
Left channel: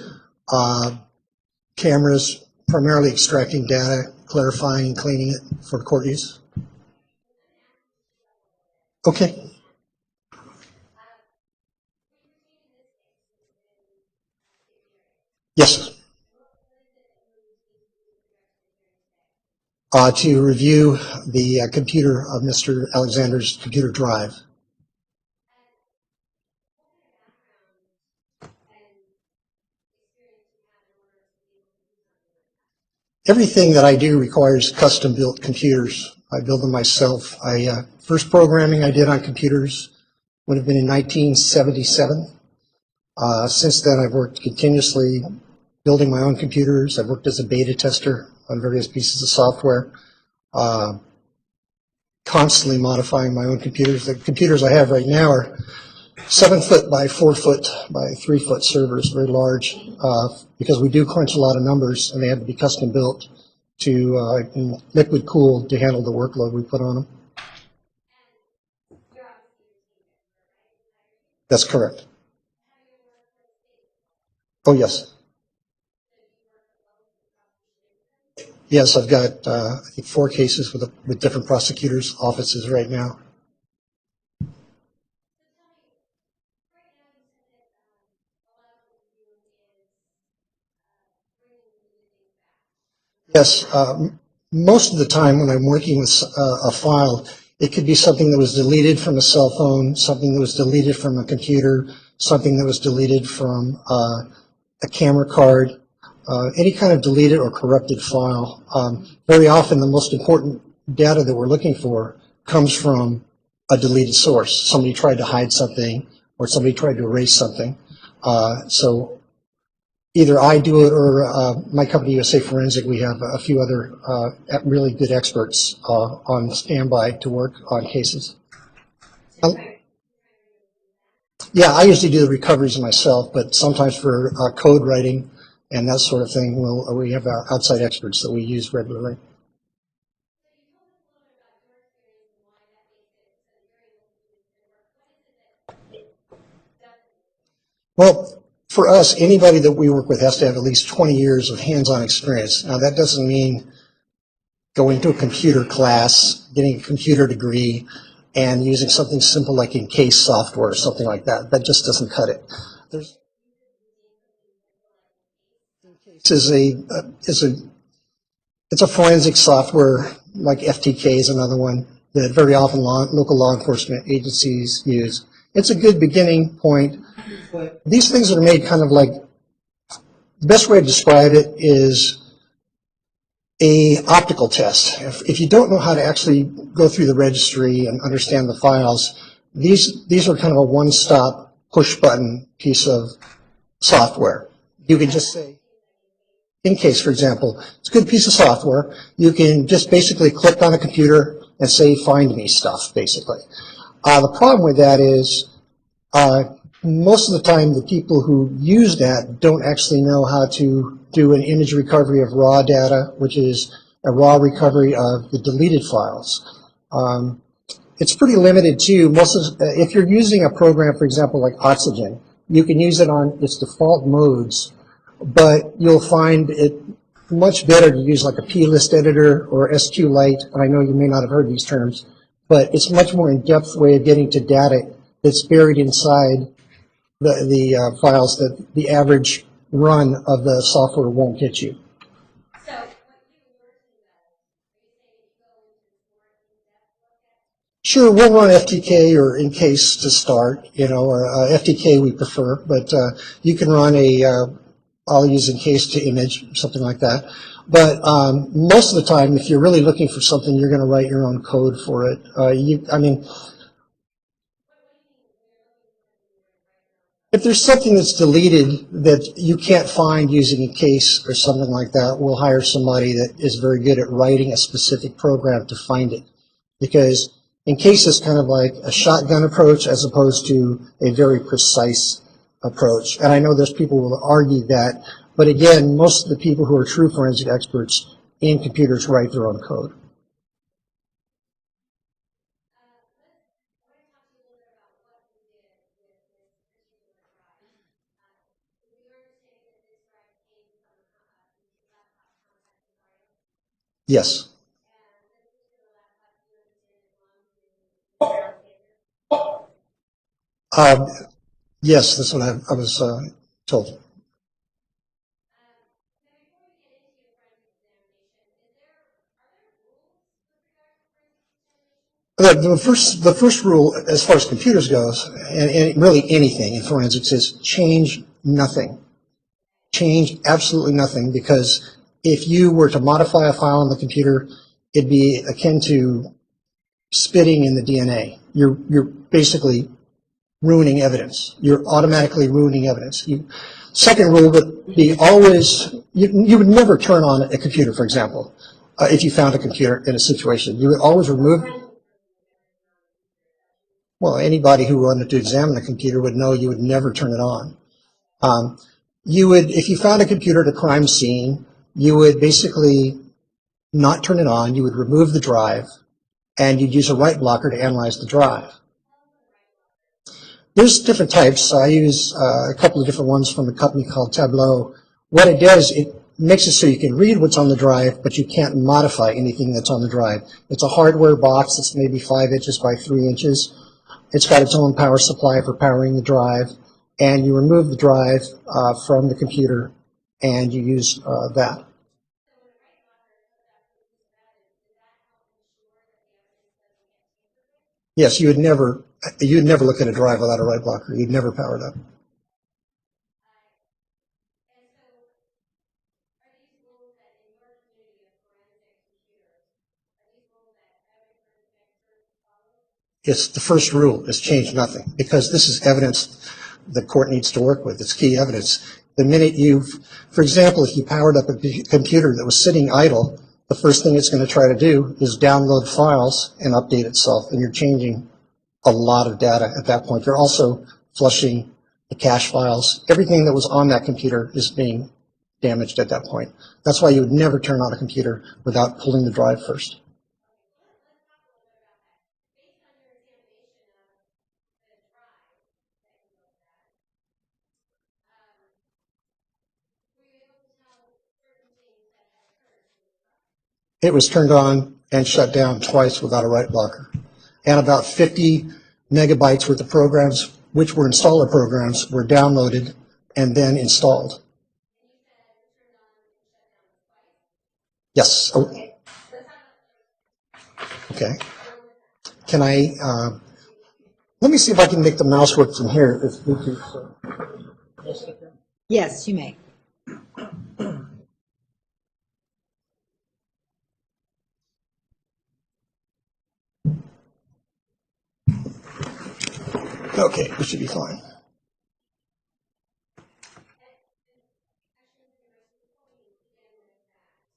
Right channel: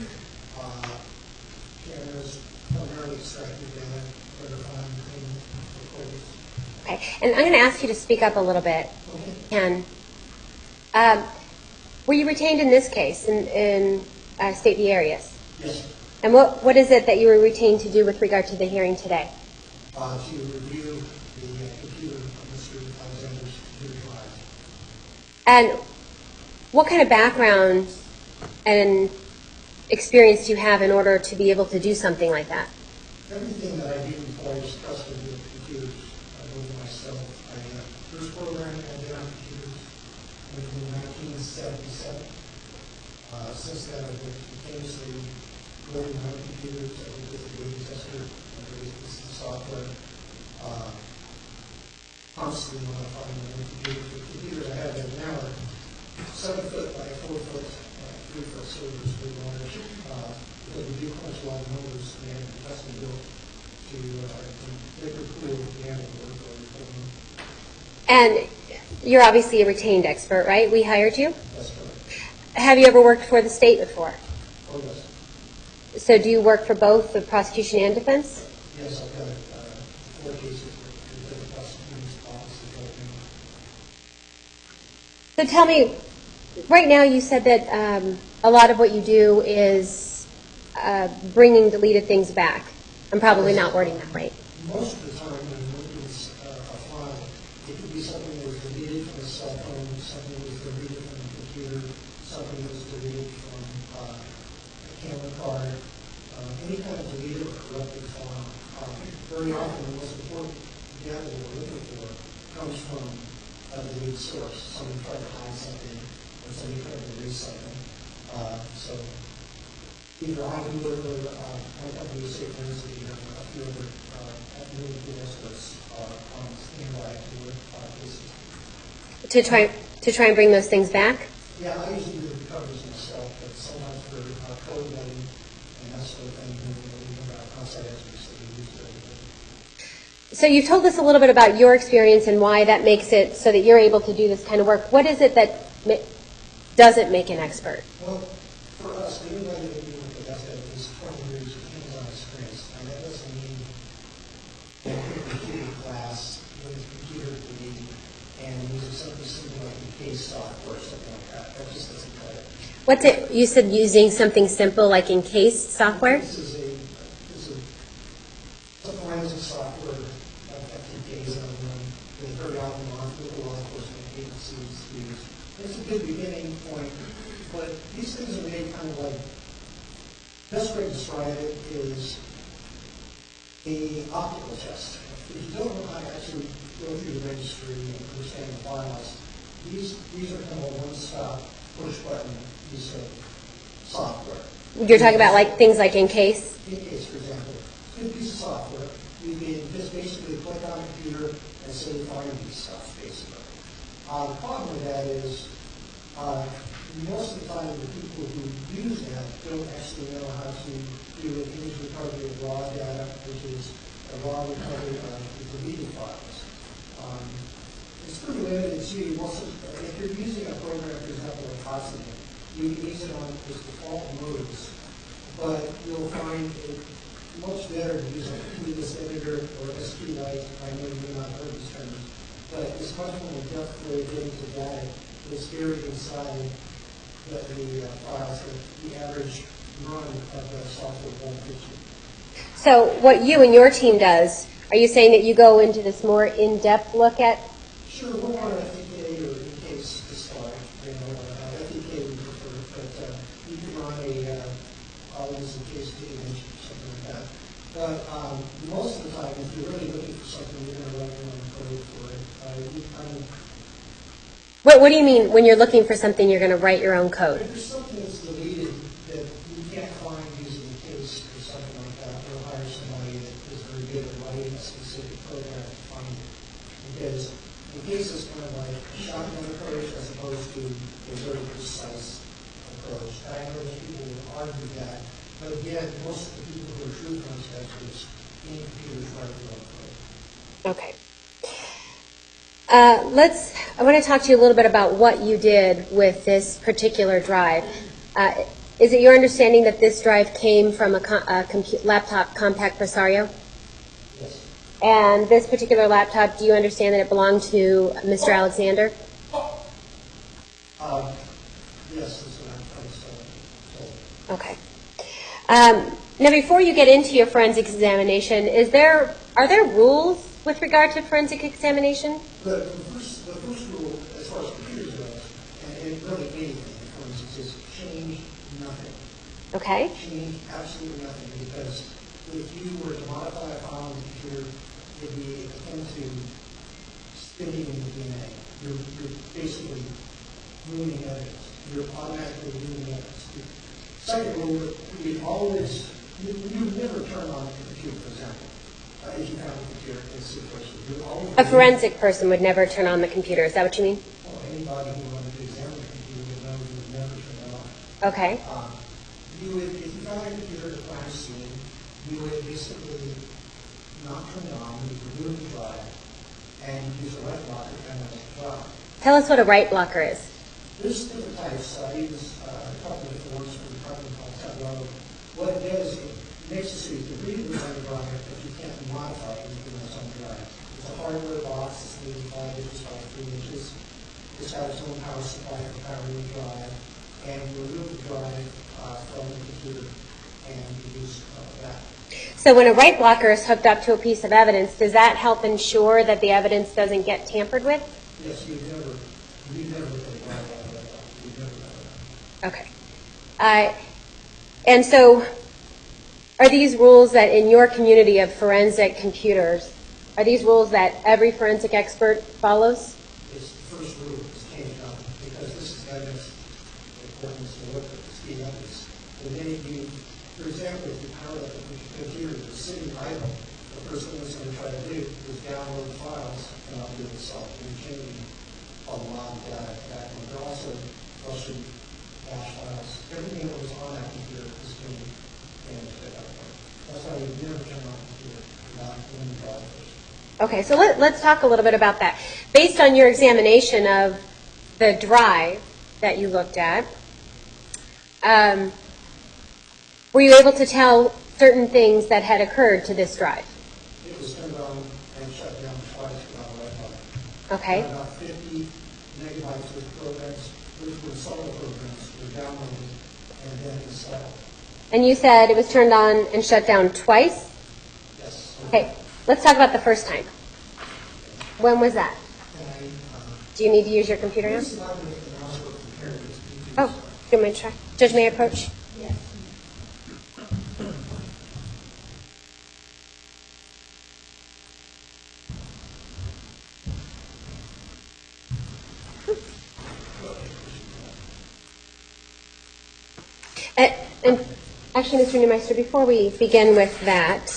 cameras, primarily extracting data, clarifying and cleaning it for court use. Okay. And I'm going to ask you to speak up a little bit. Okay. Ken. Were you retained in this case in State v. Arias? Yes. And what is it that you were retained to do with regard to the hearing today? To review the computer of Mr. Alexander's computer drive. And what kind of background and experience do you have in order to be able to do something like that? Everything that I do requires custom-built computers. I build them myself. First programming I did on computers would have been in 1977. Since then, I've worked continuously building my own computers. I've worked as a beta tester on various pieces of software, constantly modifying my own computers. The computers I have right now are 7 foot by 4 foot by 3 foot servers, very large, because we do crunch a lot of numbers, and they have to be custom built to liquid cooled to handle the workload we put on them. And you're obviously a retained expert, right? We hired you. That's correct. Have you ever worked for the state before? Oh, yes. So do you work for both the prosecution and defense? Yes, I've got I think 4 cases with different prosecutors' offices right now. So tell me, right now you said that a lot of what you do is bringing deleted things back. I'm probably not wording that right. Most of the time when I'm working with a file, it could be something that was deleted from a cell phone, something that was deleted from a computer, something that was deleted from a camera card, any kind of deleted or corrupted file. Very often the most important data that we're looking for comes from a deleted source. Somebody tried to hide something or somebody tried to erase something. So either I do it or my company, USA Forensic, we have a few other really good experts on standby to work on cases. To try and bring those things back? Yeah, I usually do the recoveries myself, but sometimes for code writing and that sort of thing, we have outside experts that we use regularly. So you've told us a little bit about your experience and why that makes it so that you're able to do this kind of work. What is it that doesn't make an expert? Well, for us, anybody that we work with has to have at least 20 years of hands-on experience. Now, that doesn't mean going to a computer class, getting a computer degree, and using something simple like Encase software or something like that. That just doesn't cut it. What's it? You said using something simple like Encase software? It's a forensic software, like FTK is another one that very often local law enforcement agencies use. It's a good beginning point. These things are made kind of like, the best way to describe it is a optical test. If you don't know how to actually go through the registry and understand the files, these are kind of a one-stop push-button piece of software. You're talking about like things like Encase? Encase, for example. It's a good piece of software. You can just basically click on a computer and say, find me stuff, basically. The problem with that is most of the time the people who use that don't actually know how to do an image recovery of raw data, which is a raw recovery of the deleted files. It's pretty limited too. If you're using a program, for example, like Oxygen, you can use it on its default modes, but you'll find it much better to use like a plist editor or SQLite. I know you may not have heard these terms, but it's a much more in-depth way of getting to data that's buried inside the files that the average run of the software won't get you. So what you and your team does, are you saying that you go into this more in-depth look at? Sure, we'll run FTK or Encase to start, FTK we prefer, but you can run I'll use Encase to image, something like that. But most of the time, if you're really looking for something, you're going to write your own code for it. What do you mean when you're looking for something, you're going to write your own code? If there's something that's deleted that you can't find using Encase or something like that, we'll hire somebody that is very good at writing a specific program to find it. Because Encase is kind of like a shotgun approach as opposed to a very precise approach. And I know there's people who will argue that, but again, most of the people who are true forensic experts in computers write their own code. Okay. I want to talk to you a little bit about what you did with this particular drive. Is it your understanding that this drive came from a laptop compact Presario? Yes. And this particular laptop, do you understand that it belonged to Mr. Alexander? Yes, that's what I was told. Okay. Now, before you get into your forensics examination, are there rules with regard to forensic examination? The first rule, as far as computers goes, and really anything in forensics, is change nothing. Okay. Change absolutely nothing, because if you were to modify a file on the computer, it'd be akin to spitting in the DNA. You're basically ruining evidence. You're automatically ruining evidence. Second rule would be always, you would never turn on a computer, for example, if you found a computer in a situation. You would always A remove. forensic person would never turn on the computer. Is that what you mean? Well, anybody who wanted to examine a computer would know you would never turn it on. Okay. You would, if you found a computer at a crime scene, you would basically not turn it on. You would remove the drive, and you'd use a write blocker to analyze the drive. Tell us what a write blocker is. There's different types. I use a couple of different ones from a company called Tableau. What it does, it makes it so you can read what's on the drive, but you can't modify anything that's on the drive. It's a hardware box. It's maybe 5 inches by 3 inches. It's got its own power supply for powering the drive, and you remove the drive from the computer, and you use that. So when a write blocker is hooked up to a piece of evidence, does that help ensure that the evidence doesn't get tampered with? Yes, you'd never look at a drive without a write blocker. You'd never power it up. Okay. And so are these rules that in your community of forensic computers, are these rules that every forensic expert follows? It's the first rule is change nothing, because this is evidence the court needs to work with. It's key evidence. The minute for example, if you powered up a computer that was sitting idle, the first thing it's going to try to do is download files and update itself, and you're changing a lot of data at that point. You're also flushing the cache files. Everything that was on that computer is being damaged at that point. That's why you would never turn on a computer without pulling the drive first. Okay, so let's talk a little bit about that. Based on your examination of the drive that you looked at, were you able to tell certain things that had occurred to this drive? It was turned on and shut down twice without a write blocker. Okay. And about 50 megabytes worth of programs, which were installer programs, were downloaded and then installed. And you said it was turned on and shut down twice? Yes. Okay, let's talk about the first time. Okay. When was that? Can I, Do you need to use your computer? let me see if I can make the mouse work from here. If we could. Oh, give me a try. Judge, may I approach? Yes, you may. Okay, we should be fine. And actually, Mr. Neumeister, before we begin with that,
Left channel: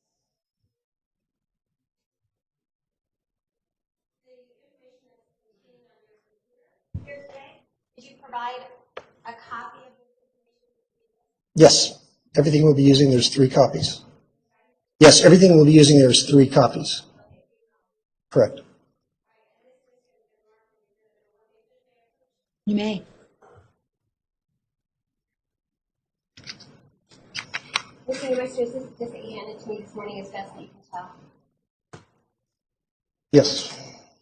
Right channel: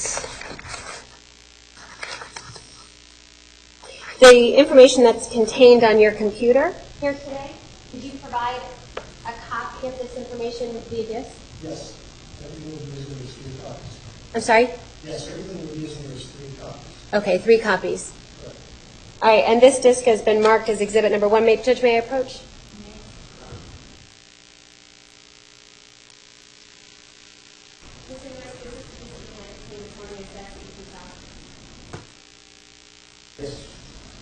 the information that's contained on your computer here today, did you provide a copy of this information via disk? Yes. Everything we'll be using, there's 3 copies. I'm sorry? Yes, everything we'll be using, there's 3 copies. Okay, 3 copies. Correct. All right, and this disk has been marked as exhibit number 1. Judge, may I approach? You may. Mr. Neumeister, is this disk that you handed to me this morning as best that you can tell? Yes.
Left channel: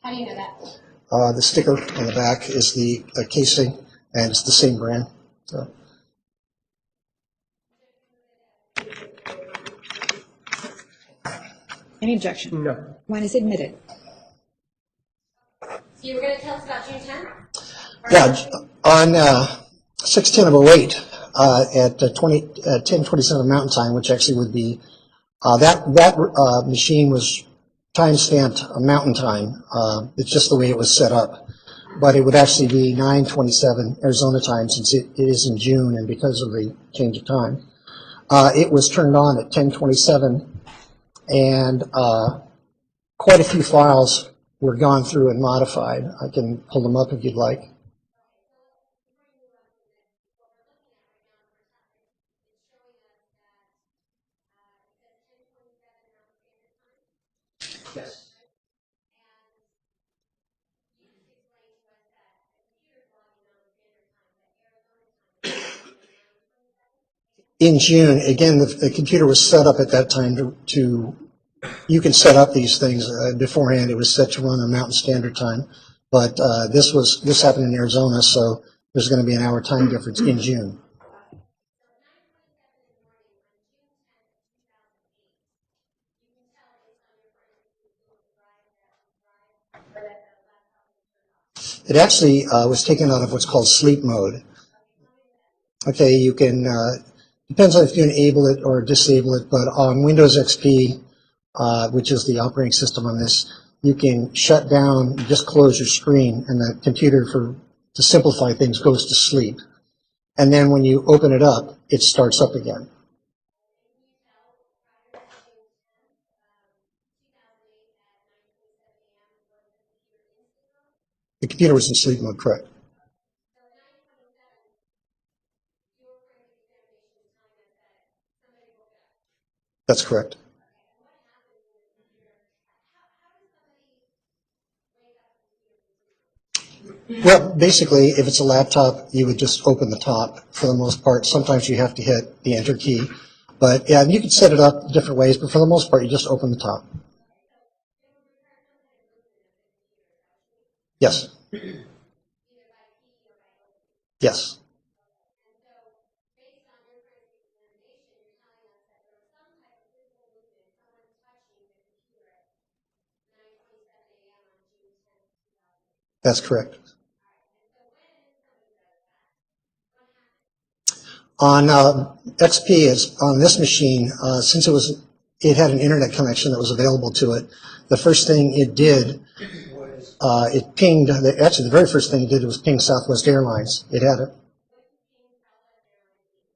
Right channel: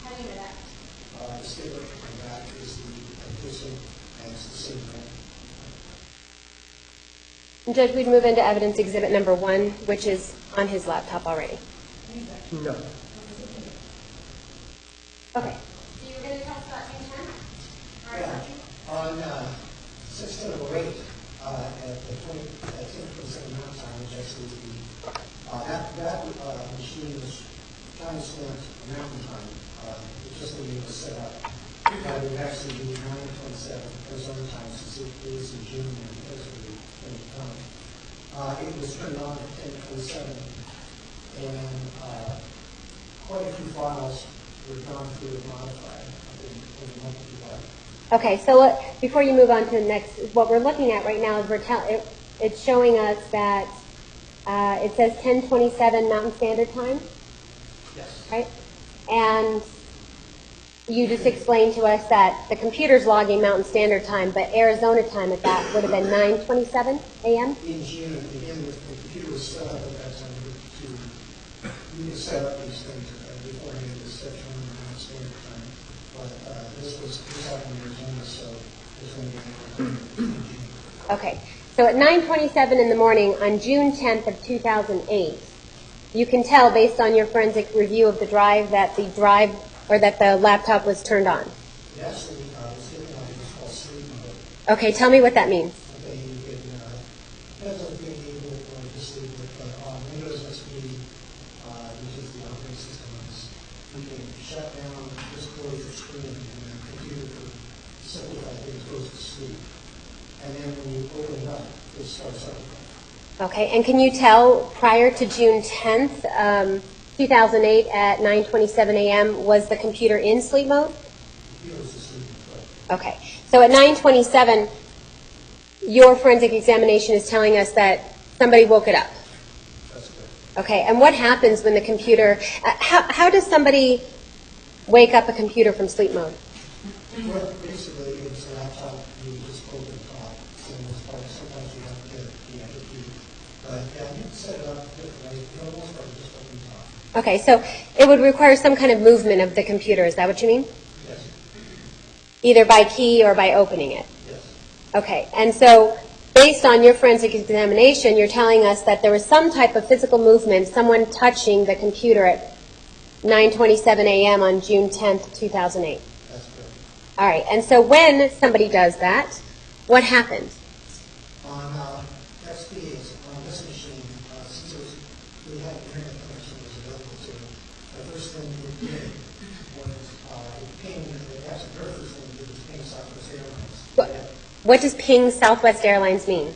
How do you know that? The sticker on the back is the casing, and it's the same brand. So. And Judge, we'd move into evidence exhibit number 1, which is on his laptop already. Any objection? No. One is admitted. Okay. So you were going to tell us about June 10th? Yeah, on 6/10/08 at 10:27 Mountain Time, which actually would be that machine was time-stamped Mountain Time. It's just the way it was set up, but it would actually be 9:27 Arizona time since it is in June, and because of the change of time, it was turned on at 10:27, and quite a few files were gone through and modified. I can pull them up if you'd like. Okay, so before you move on to the next, what we're looking at right now is it's showing us that it says 10:27 Mountain Standard Time. Yes. Right? And you just explained to us that the computer's logging Mountain Standard Time, but Arizona time at that would have been 9:27 a.m.? In June, again, the computer was set up at that time to you can set up these things beforehand. It was set to run on Mountain Standard Time, but this happened in Arizona, so there's going to be an hour time difference in June. Okay. So at 9:27 in the morning on June 10th of 2008, you can tell based on your forensic review of the drive that the laptop was turned on? It actually was taken out of what's called sleep mode. Okay, tell me what that means. Okay, you can, depends on if you enable it or disable it, but on Windows XP, which is the operating system on this, you can shut down, just close your screen, and the computer, to simplify things, goes to sleep. And then when you open it up, it starts up again. Okay, and can you tell prior to June 10th, 2008 at 9:27 a.m., was the computer in sleep mode? The computer was in sleep mode, correct. Okay, so at 9:27, your forensic examination is telling us that somebody woke it up. That's correct. Okay, and what happens when the computer, how does somebody wake up a computer from sleep mode? Well, basically, if it's a laptop, you would just open the top for the most part. Sometimes you have to hit the enter key. But yeah, you can set it up different ways, but for the most part, you just open the top. Okay, so it would require some kind of movement of the computer, is that what you mean? Yes, Either by key or by opening it? yes, Okay, and so based on your forensic examination, you're telling us that there was some type of physical movement, someone touching the computer at 9:27 a.m. on June 10th, 2008. that's correct. All right, and so when somebody does that, what happens? On XP, on this machine, since it had an internet connection that was available to it, the first thing it did was it pinged, actually the very first thing it did was ping Southwest Airlines. It had it. What does ping Southwest Airlines mean?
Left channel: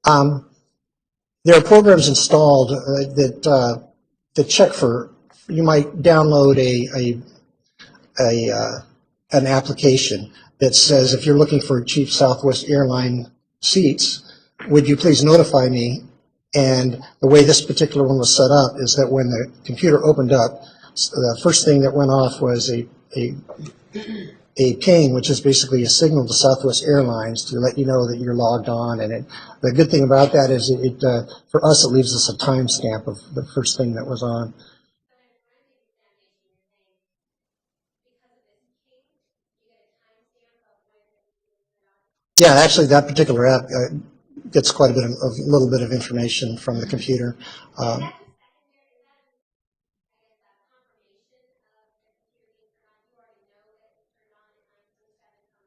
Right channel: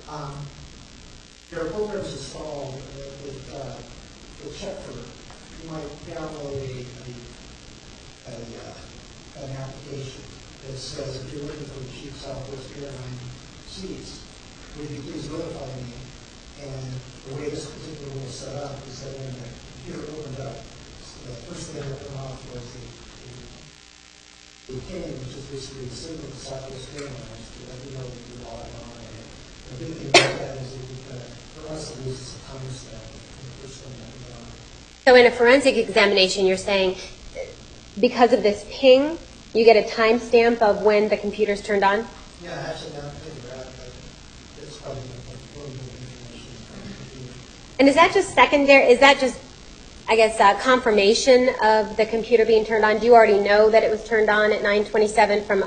There are programs installed that check for, you might download an application that says, if you're looking for cheap Southwest airline seats, would you please notify me? And the way this particular one was set up is that when the computer opened up, the first thing that went off was a ping, which is basically a signal to Southwest Airlines to let you know that you're logged on. And the good thing about that is for us, it leaves us a timestamp of the first thing that was on. So in a forensic examination, you're saying because of this ping, you get a timestamp of when the computer's turned on? Yeah, actually, that particular app gets quite a little bit of information from the computer. And is that just secondary, is that just, I guess, confirmation of the computer being turned on? Do you already know that it was turned on at 9:27 from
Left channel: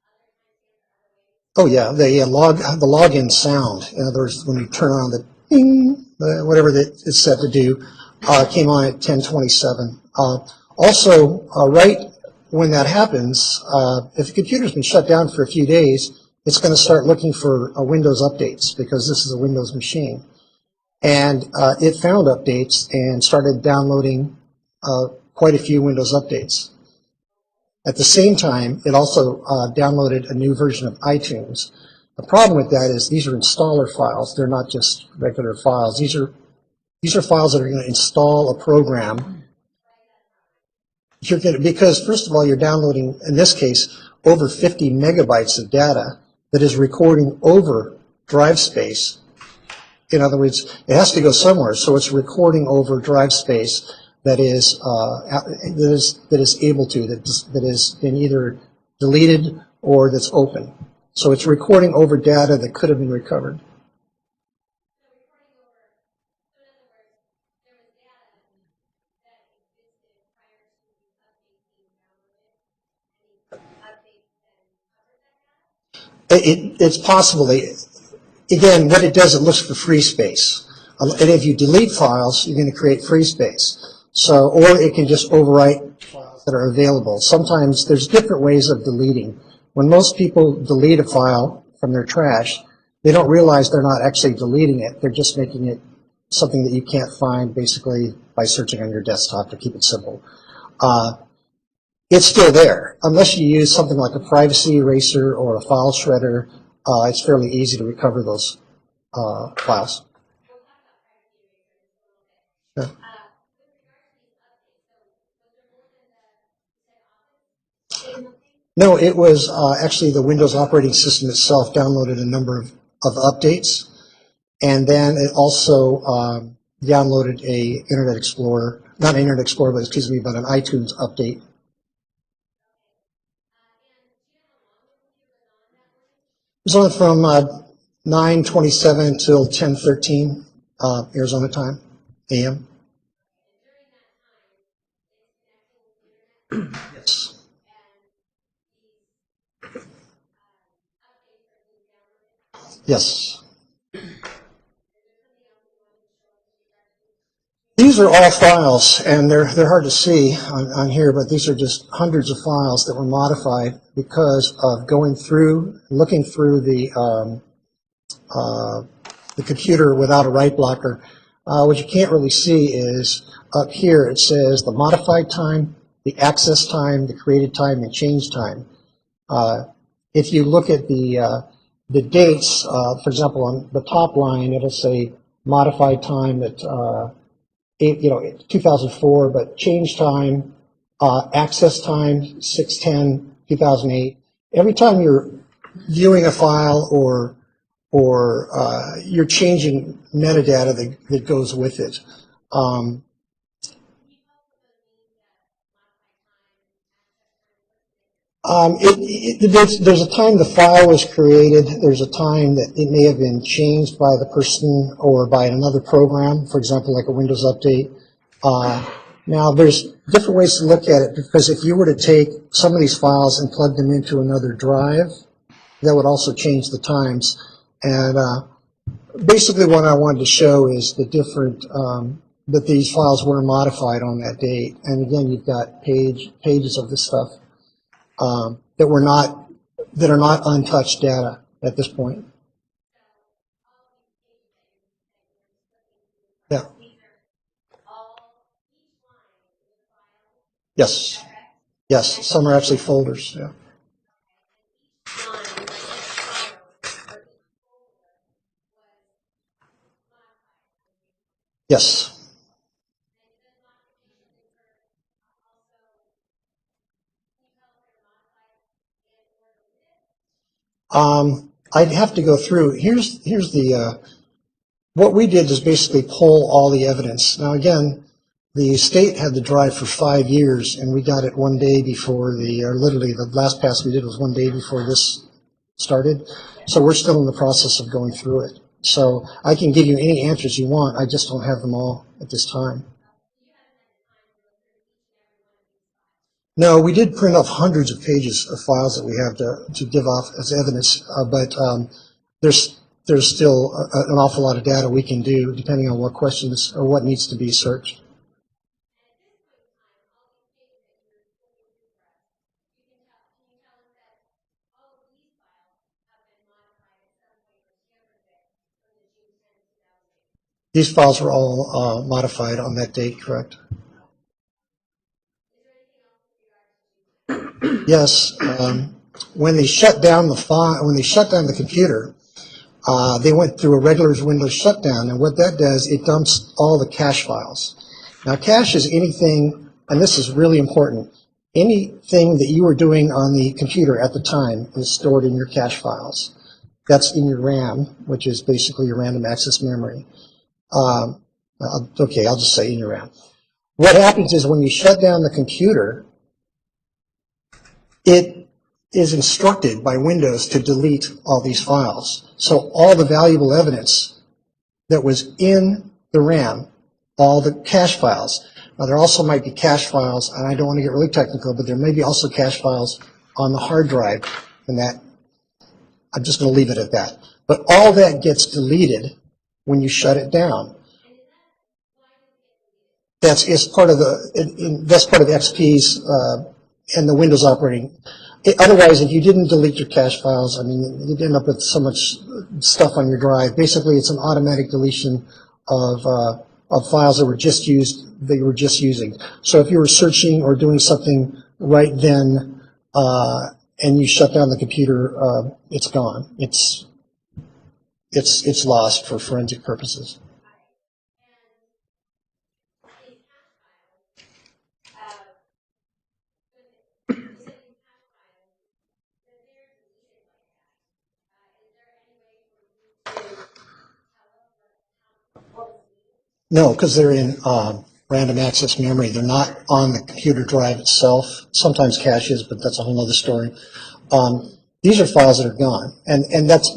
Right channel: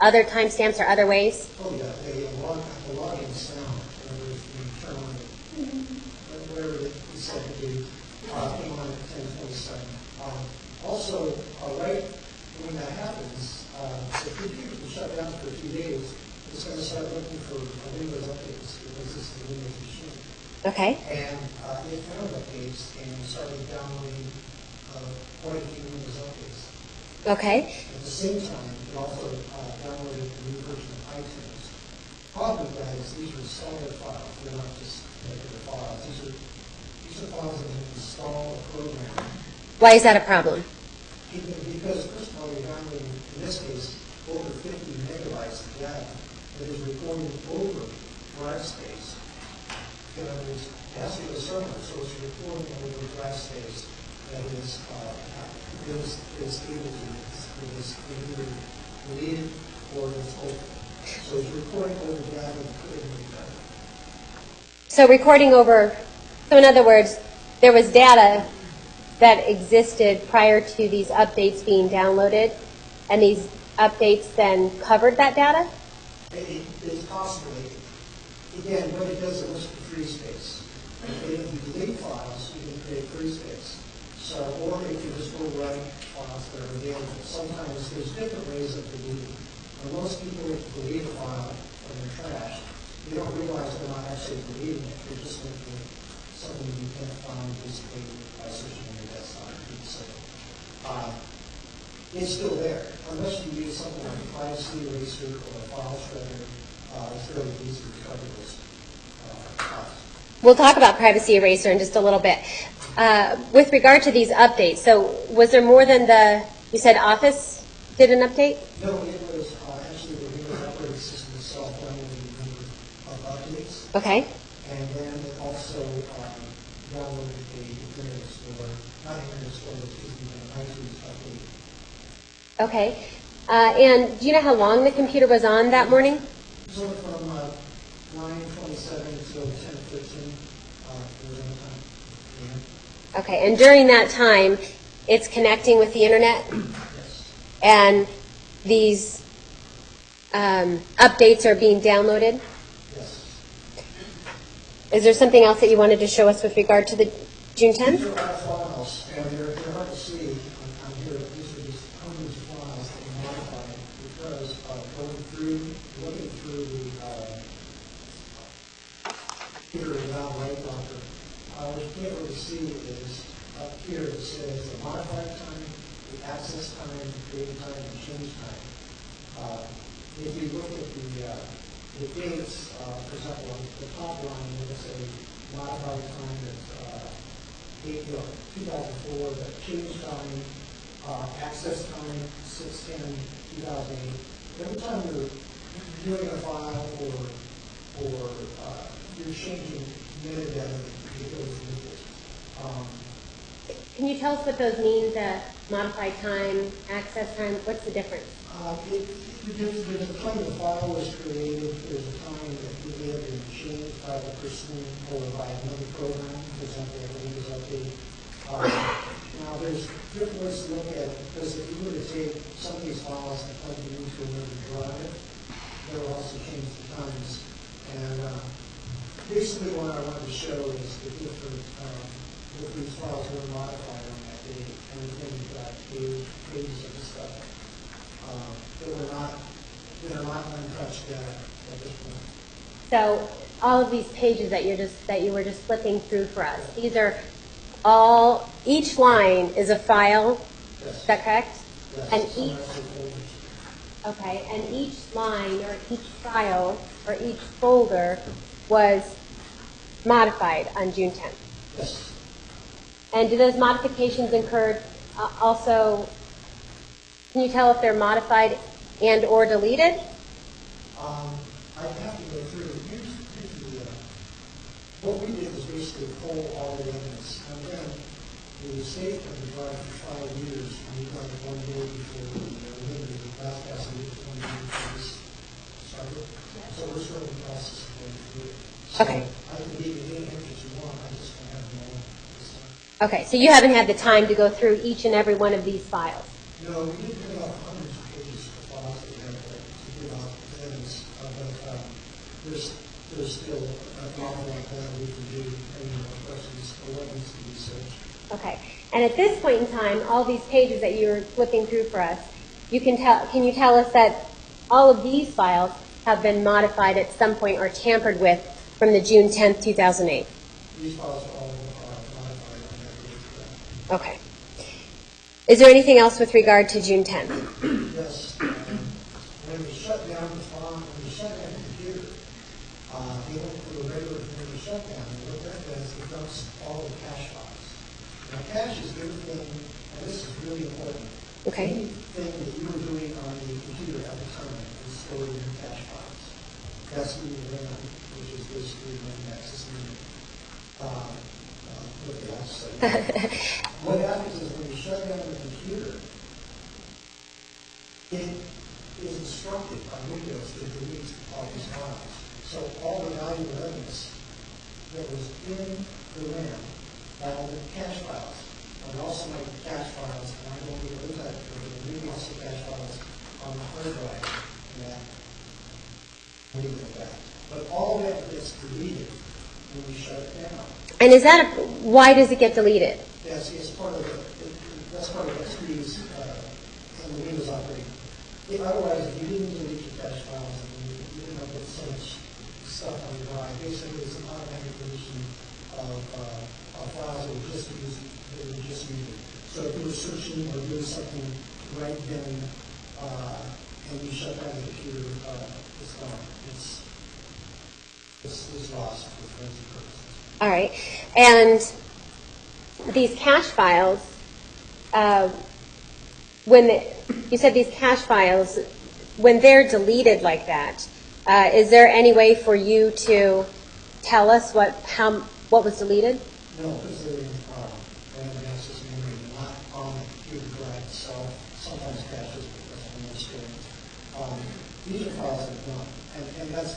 other timestamps or other ways? Oh, yeah, the login sound, in other words, when you turn on the ding, whatever it's set to do, came on at 10:27. Also, right when that happens, if the computer's been shut down for a few days, it's going to start looking for Windows updates because this is a Windows machine. Okay. And it found updates and started downloading quite a few Windows updates. Okay. At the same time, it also downloaded a new version of iTunes. The problem with that is these are installer files. They're not just regular files. These are files that are going to install a program. Why is that a problem? Because, first of all, you're downloading, in this case, over 50 megabytes of data that is recording over drive space. In other words, it has to go somewhere, so it's recording over drive space that is able to, that has been either deleted or that's open. So it's recording over data that could have been recovered. So recording over, so in other words, there was data that existed prior to these updates being downloaded, and these updates then covered that data? It's possible. Again, what it does, it looks for free space. And if you delete files, you're going to create free space. So, or it can just overwrite files that are available. Sometimes there's different ways of deleting. When most people delete a file from their trash, they don't realize they're not actually deleting it. They're just making it something that you can't find basically by searching on your desktop, to keep it simple. It's still there. Unless you use something like a privacy eraser or a file shredder, it's fairly easy to recover those files. We'll talk about privacy eraser in just a little bit. With regard to these updates, so was there more than you said Office did an update? No, it was actually the Windows operating system itself downloaded a number of updates. Okay. And then it also downloaded a Internet Explorer, not Internet Explorer, but an iTunes update. Okay. And do you know how long the computer was on that morning? It was on from 9:27 till 10:13 Arizona time, AM. Okay, and during that time, it's connecting with the internet? And these updates are being downloaded? Yes. Is there something else that you wanted to show us with regard to the June 10th? These are all files, and they're hard to see on here, but these are just hundreds of files that were modified because of going through, looking through the computer without a write blocker. What you can't really see is up here it says the modified time, the access time, the created time, and change time. If you look at the dates, for example, on the top line, it'll say modified time at 2004, but change time, access time, 6/10/2008. Every time you're viewing a file or you're changing metadata that goes with it. Can you tell us what those mean, the modified time, access time? What's the difference? There's a time the file was created. There's a time that it may have been changed by the person or by another program, for example, like a Windows update. Now, there's different ways to look at it, because if you were to take some of these files and plug them into another drive, that would also change the times. And basically what I wanted to show is the different, that these files were modified on that date. And again, you've got pages of this stuff that are not untouched data at this point. So all of these pages that you were just flipping through for us, Yeah. these are all, each line is a file, Yes. is that correct? Yes, And some are actually folders. Yeah. Okay, and each line or each file or each folder was modified on June 10th. Yes. And do those modifications incur also, can you tell if they're modified and or deleted? I'd have to go through. Here's the, what we did is basically pull all the evidence. Now again, the state had the drive for 5 years, and we got it one day before literally the last pass we did was one day before this started. So we're still in the process of going through it. So Okay. I can give you any answers you want. I just don't have them all at this time. Okay, so you haven't had the time to go through each and every one of these files? No, we did print off hundreds of pages of files that we have to give off as evidence, but there's still an awful lot of data we can do depending on what questions or what needs to be searched. Okay, and at this point in time, all these pages that you were flipping through for us, can you tell us that all of these files have been modified at some point or tampered with from the June 10th, 2008? These files were all modified on that date, correct? Okay. Is there anything else with regard to June 10th? Yes. When they shut down the computer, they went through a regular Windows shutdown, and what that does, it dumps all the cache files. Now, cache is anything, and this is really important, anything that you were doing on the computer at the time is stored in your cache files. That's in your RAM, which is basically your random access memory. Okay, I'll just say in your RAM. What happens is when you shut down the computer, it is instructed by Windows to delete all these files. So all the valuable evidence that was in the RAM, all the cache files. Now, there also might be cache files, and I don't want to get really technical, but there may be also cache files on the hard drive, and that, I'm just going to leave it at that. But all that gets deleted when you shut it down. And why does it get deleted? That's part of XP's and the Windows operating. Otherwise, if you didn't delete your cache files, I mean, you'd end up with so much stuff on your drive. Basically, it's an automatic deletion of files that were just using. So if you were searching or doing something right then, and you shut down the computer, it's gone. It's lost for forensic purposes. All right. And these cache files, you said these cache files, when they're deleted like that, is there any way for you to tell us what was deleted? No, because they're in random access memory. They're not on the computer drive itself. Sometimes cache is, but that's a whole other story. These are files that are gone. And that's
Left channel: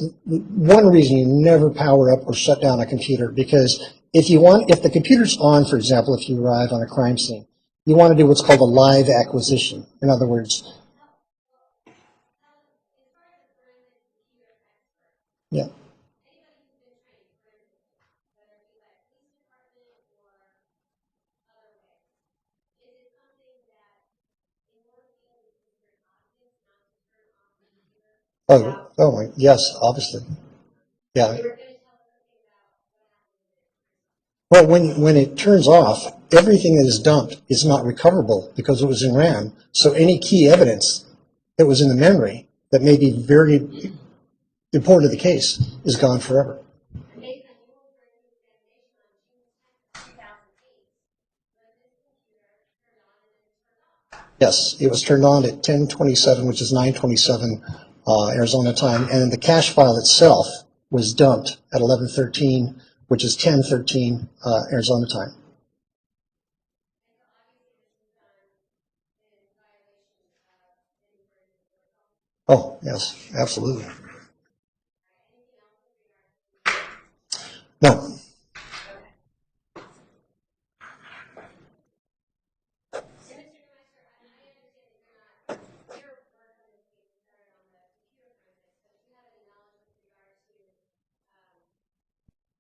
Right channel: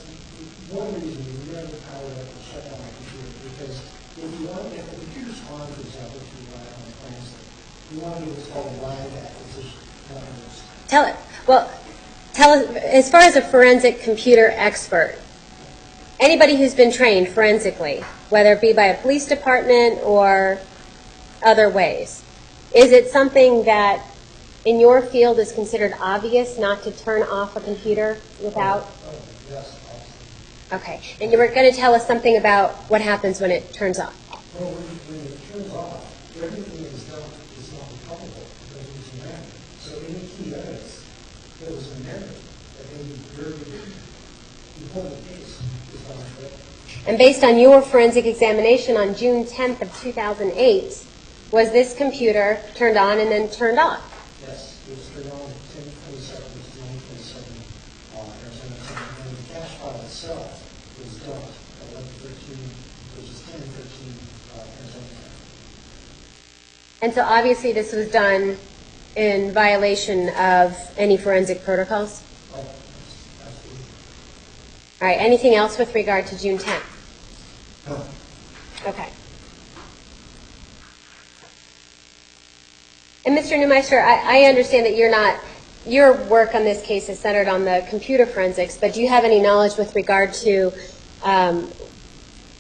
one reason you never power up or shut down a computer, because if the computer's on, for example, if you arrive on a crime scene, you want to do what's called a live acquisition. In other words, Tell us, as far as a forensic computer expert, yeah, anybody who's been trained forensically, whether it be by a police department or other ways, is it something that in your field is considered obvious not to turn off a computer without? Yes, obviously. Okay. Yeah. And you were going to tell us something about what happens when it turns off. Well, when it turns off, everything that is dumped is not recoverable because it was in RAM. So any key evidence that was in the memory that may be very important to the case is gone forever. And based on your forensic examination on June 10th of 2008, was this computer turned on and then turned off? Yes, it was turned on at 10:27, which is 9:27 Arizona time, and the cache file itself was dumped at 11:13, which is 10:13 Arizona time. And so obviously this was done in violation of any forensic protocols? Oh, yes, absolutely. All right, anything else with regard to June 10th? No, Okay. And Mr. Neumeister, I understand that your work on this case is centered on the computer forensics, but do you have any knowledge with regard to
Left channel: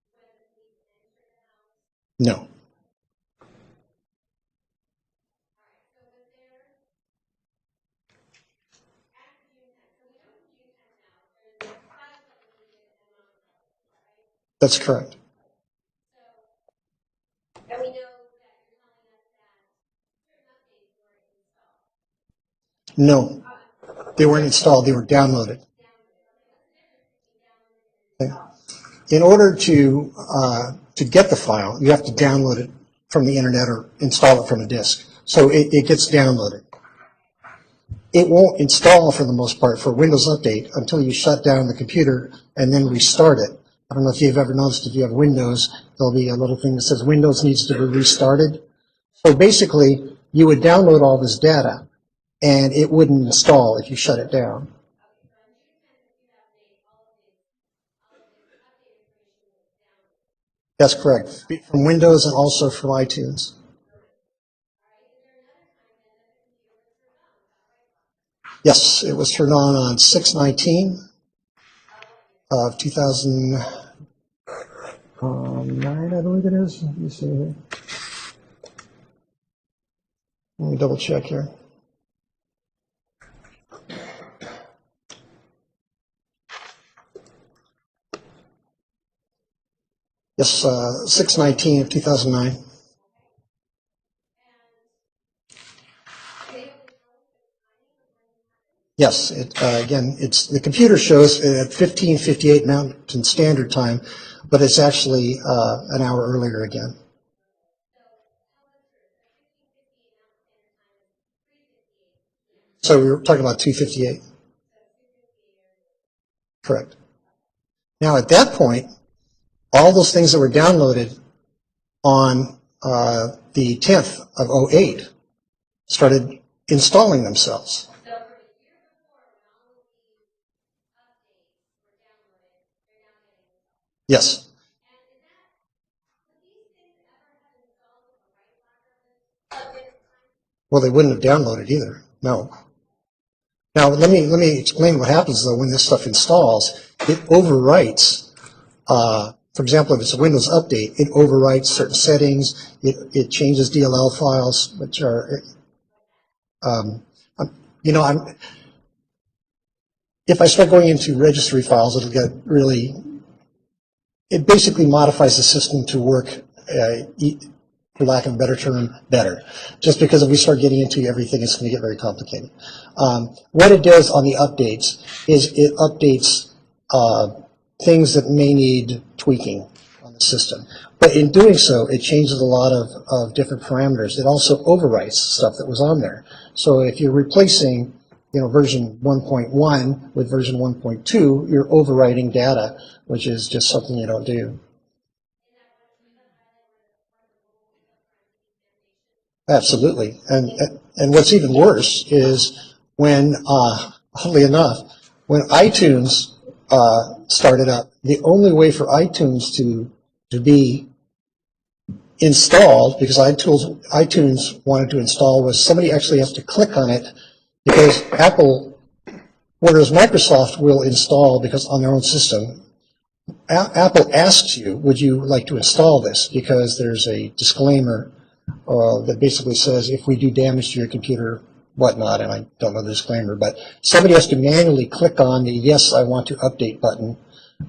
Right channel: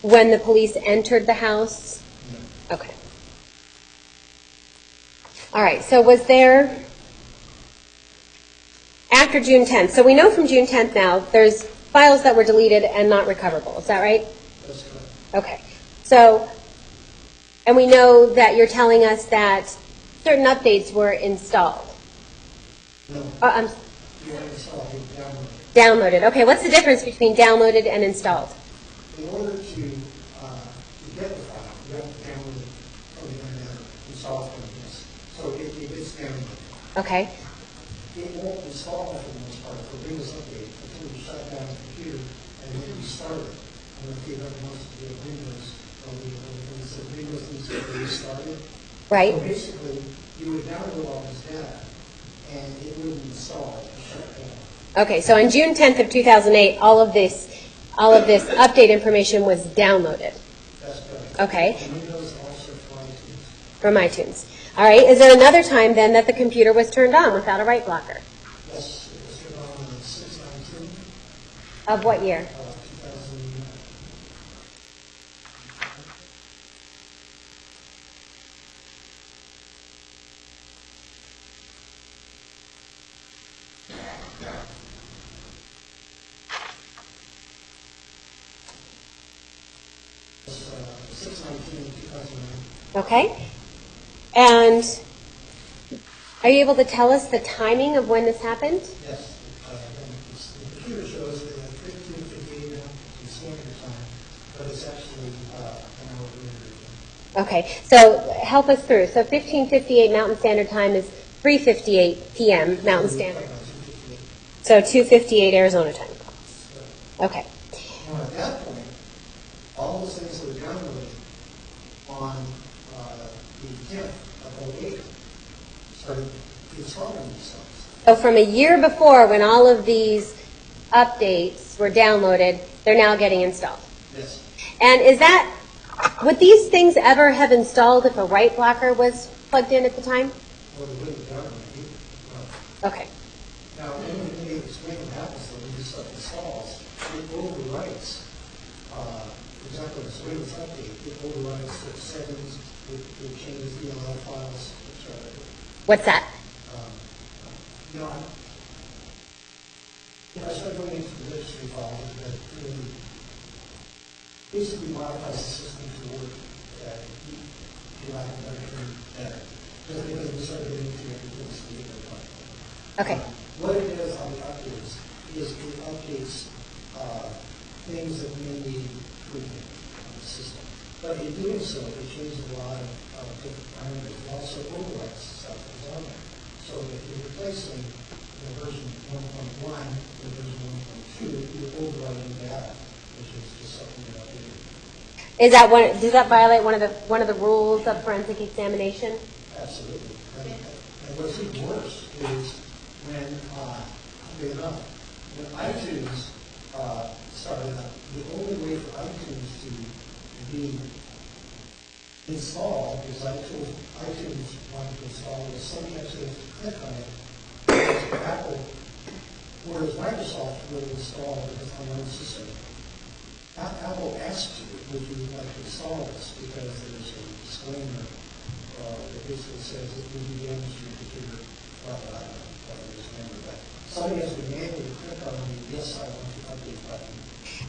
when the police entered the house? no. Okay. All right, so was there, after June 10th, so we know from June 10th now, there's files that were deleted and not recoverable, is that right? That's correct. Okay. So, and we know that you're telling us that certain updates were installed. No, I'm they weren't installed, they were downloaded. downloaded. Okay, what's the difference between downloaded and installed? In order to get the file, you have to download it from the internet or install it from a disk. So it gets downloaded. Okay. It won't install for the most part for Windows Update until you shut down the computer and then restart it. I don't know if you've ever noticed if you have Windows, there'll be a little thing that says Windows needs to be restarted. Right. So basically, you would download all this data and it wouldn't install if you shut it down. Okay, so on June 10th of 2008, all of this update information was downloaded That's correct. Okay. From Windows and also from iTunes. from iTunes. All right, is there another time then that the computer was turned on without a write blocker? Yes, it was turned on 6/19 Of what year? of 2009, I believe it is. Let me see here. Let me double check here. Yes, 6/19 of 2009. Okay. And are you able to tell us the timing of when this happened? Yes, again, the computer shows at 15:58 Mountain Standard Time, but it's actually an hour earlier again. Okay, so help us through. So 15:58 Mountain Standard Time is 3:58 p.m. Mountain So we were Standard. talking about 2:58, So 2:58 Arizona time. correct. Okay. Now, at that point, all those things that were downloaded on the 10th of '08 started installing themselves. So from a year before, when all of these updates were downloaded, they're now getting installed. Yes, And would these things ever have installed if a write blocker was plugged in at the time? well, they wouldn't have downloaded either, no. Okay. Now, let me explain what happens, though, when this stuff installs. It overwrites, for example, if it's a Windows update, it overwrites certain settings, it changes DLL files, which are, What's that? if I start going into registry files, it'll get really, it basically modifies the system to work, for lack of a better term, better. Just because if we start getting into everything, it's going to get very complicated. What it does on the updates is it updates things that may need tweaking on the system. But in doing so, it changes a lot of different parameters. It also overwrites stuff that was on there. So if you're replacing, version 1.1 with version 1.2, you're overwriting data, which is just something you don't do. Does that violate one of the rules of forensic examination? Absolutely. And what's even worse is when, oddly enough, when iTunes started up, the only way for iTunes to be installed, because iTunes wanted to install, was somebody actually has to click on it, because Apple, whereas Microsoft will install because on their own system, Apple asks you, would you like to install this? Because there's a disclaimer that basically says if we do damage to your computer, whatnot, and I don't know the disclaimer, but somebody has to manually click on the yes, I want to update button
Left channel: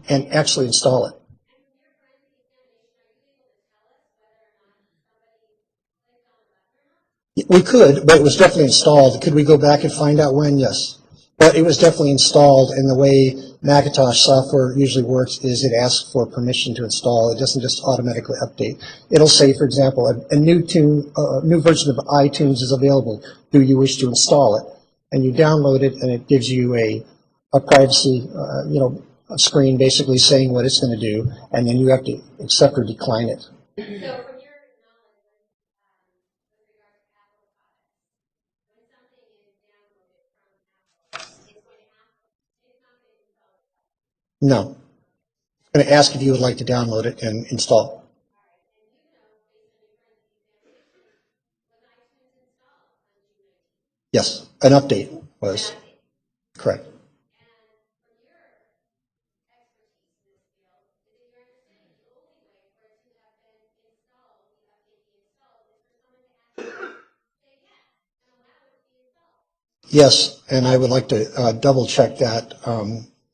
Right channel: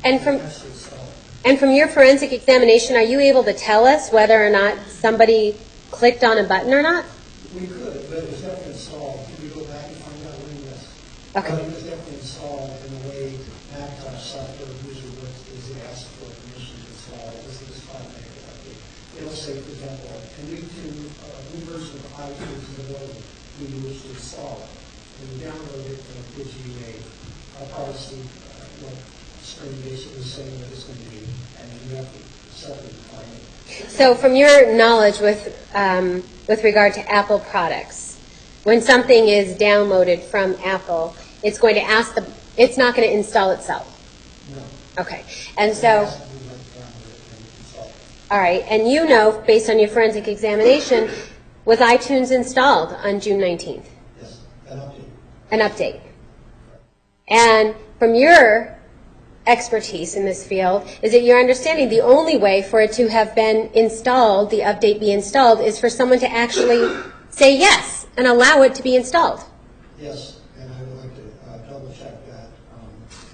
and actually install it. And from your forensic examination, are you able to tell us whether or not somebody clicked on a button or not? We could, but it was definitely installed. Could we go back and find out when? Yes. But it was definitely installed, and the way Macintosh software usually works is it asks for permission to install. It doesn't just automatically update. It'll say, for example, a new version of iTunes is available. Do you wish to install it? And you download it, and it gives you a privacy, a screen basically saying what it's going to do, and then you have to accept or decline it. So from your knowledge with regard to Apple products, when something is downloaded from Apple, it's going to ask it's not going to install itself? No. Okay. And It's going to ask if you would like to download it and install. All right. And you know, based on your forensic examination, was iTunes installed on June 19th? Yes. An update was. An update. Correct. And from your expertise in this field, is it your understanding the only way for it to have been installed, the update be installed, is for someone to actually say yes and allow it to be installed? Yes, and I would like to double check that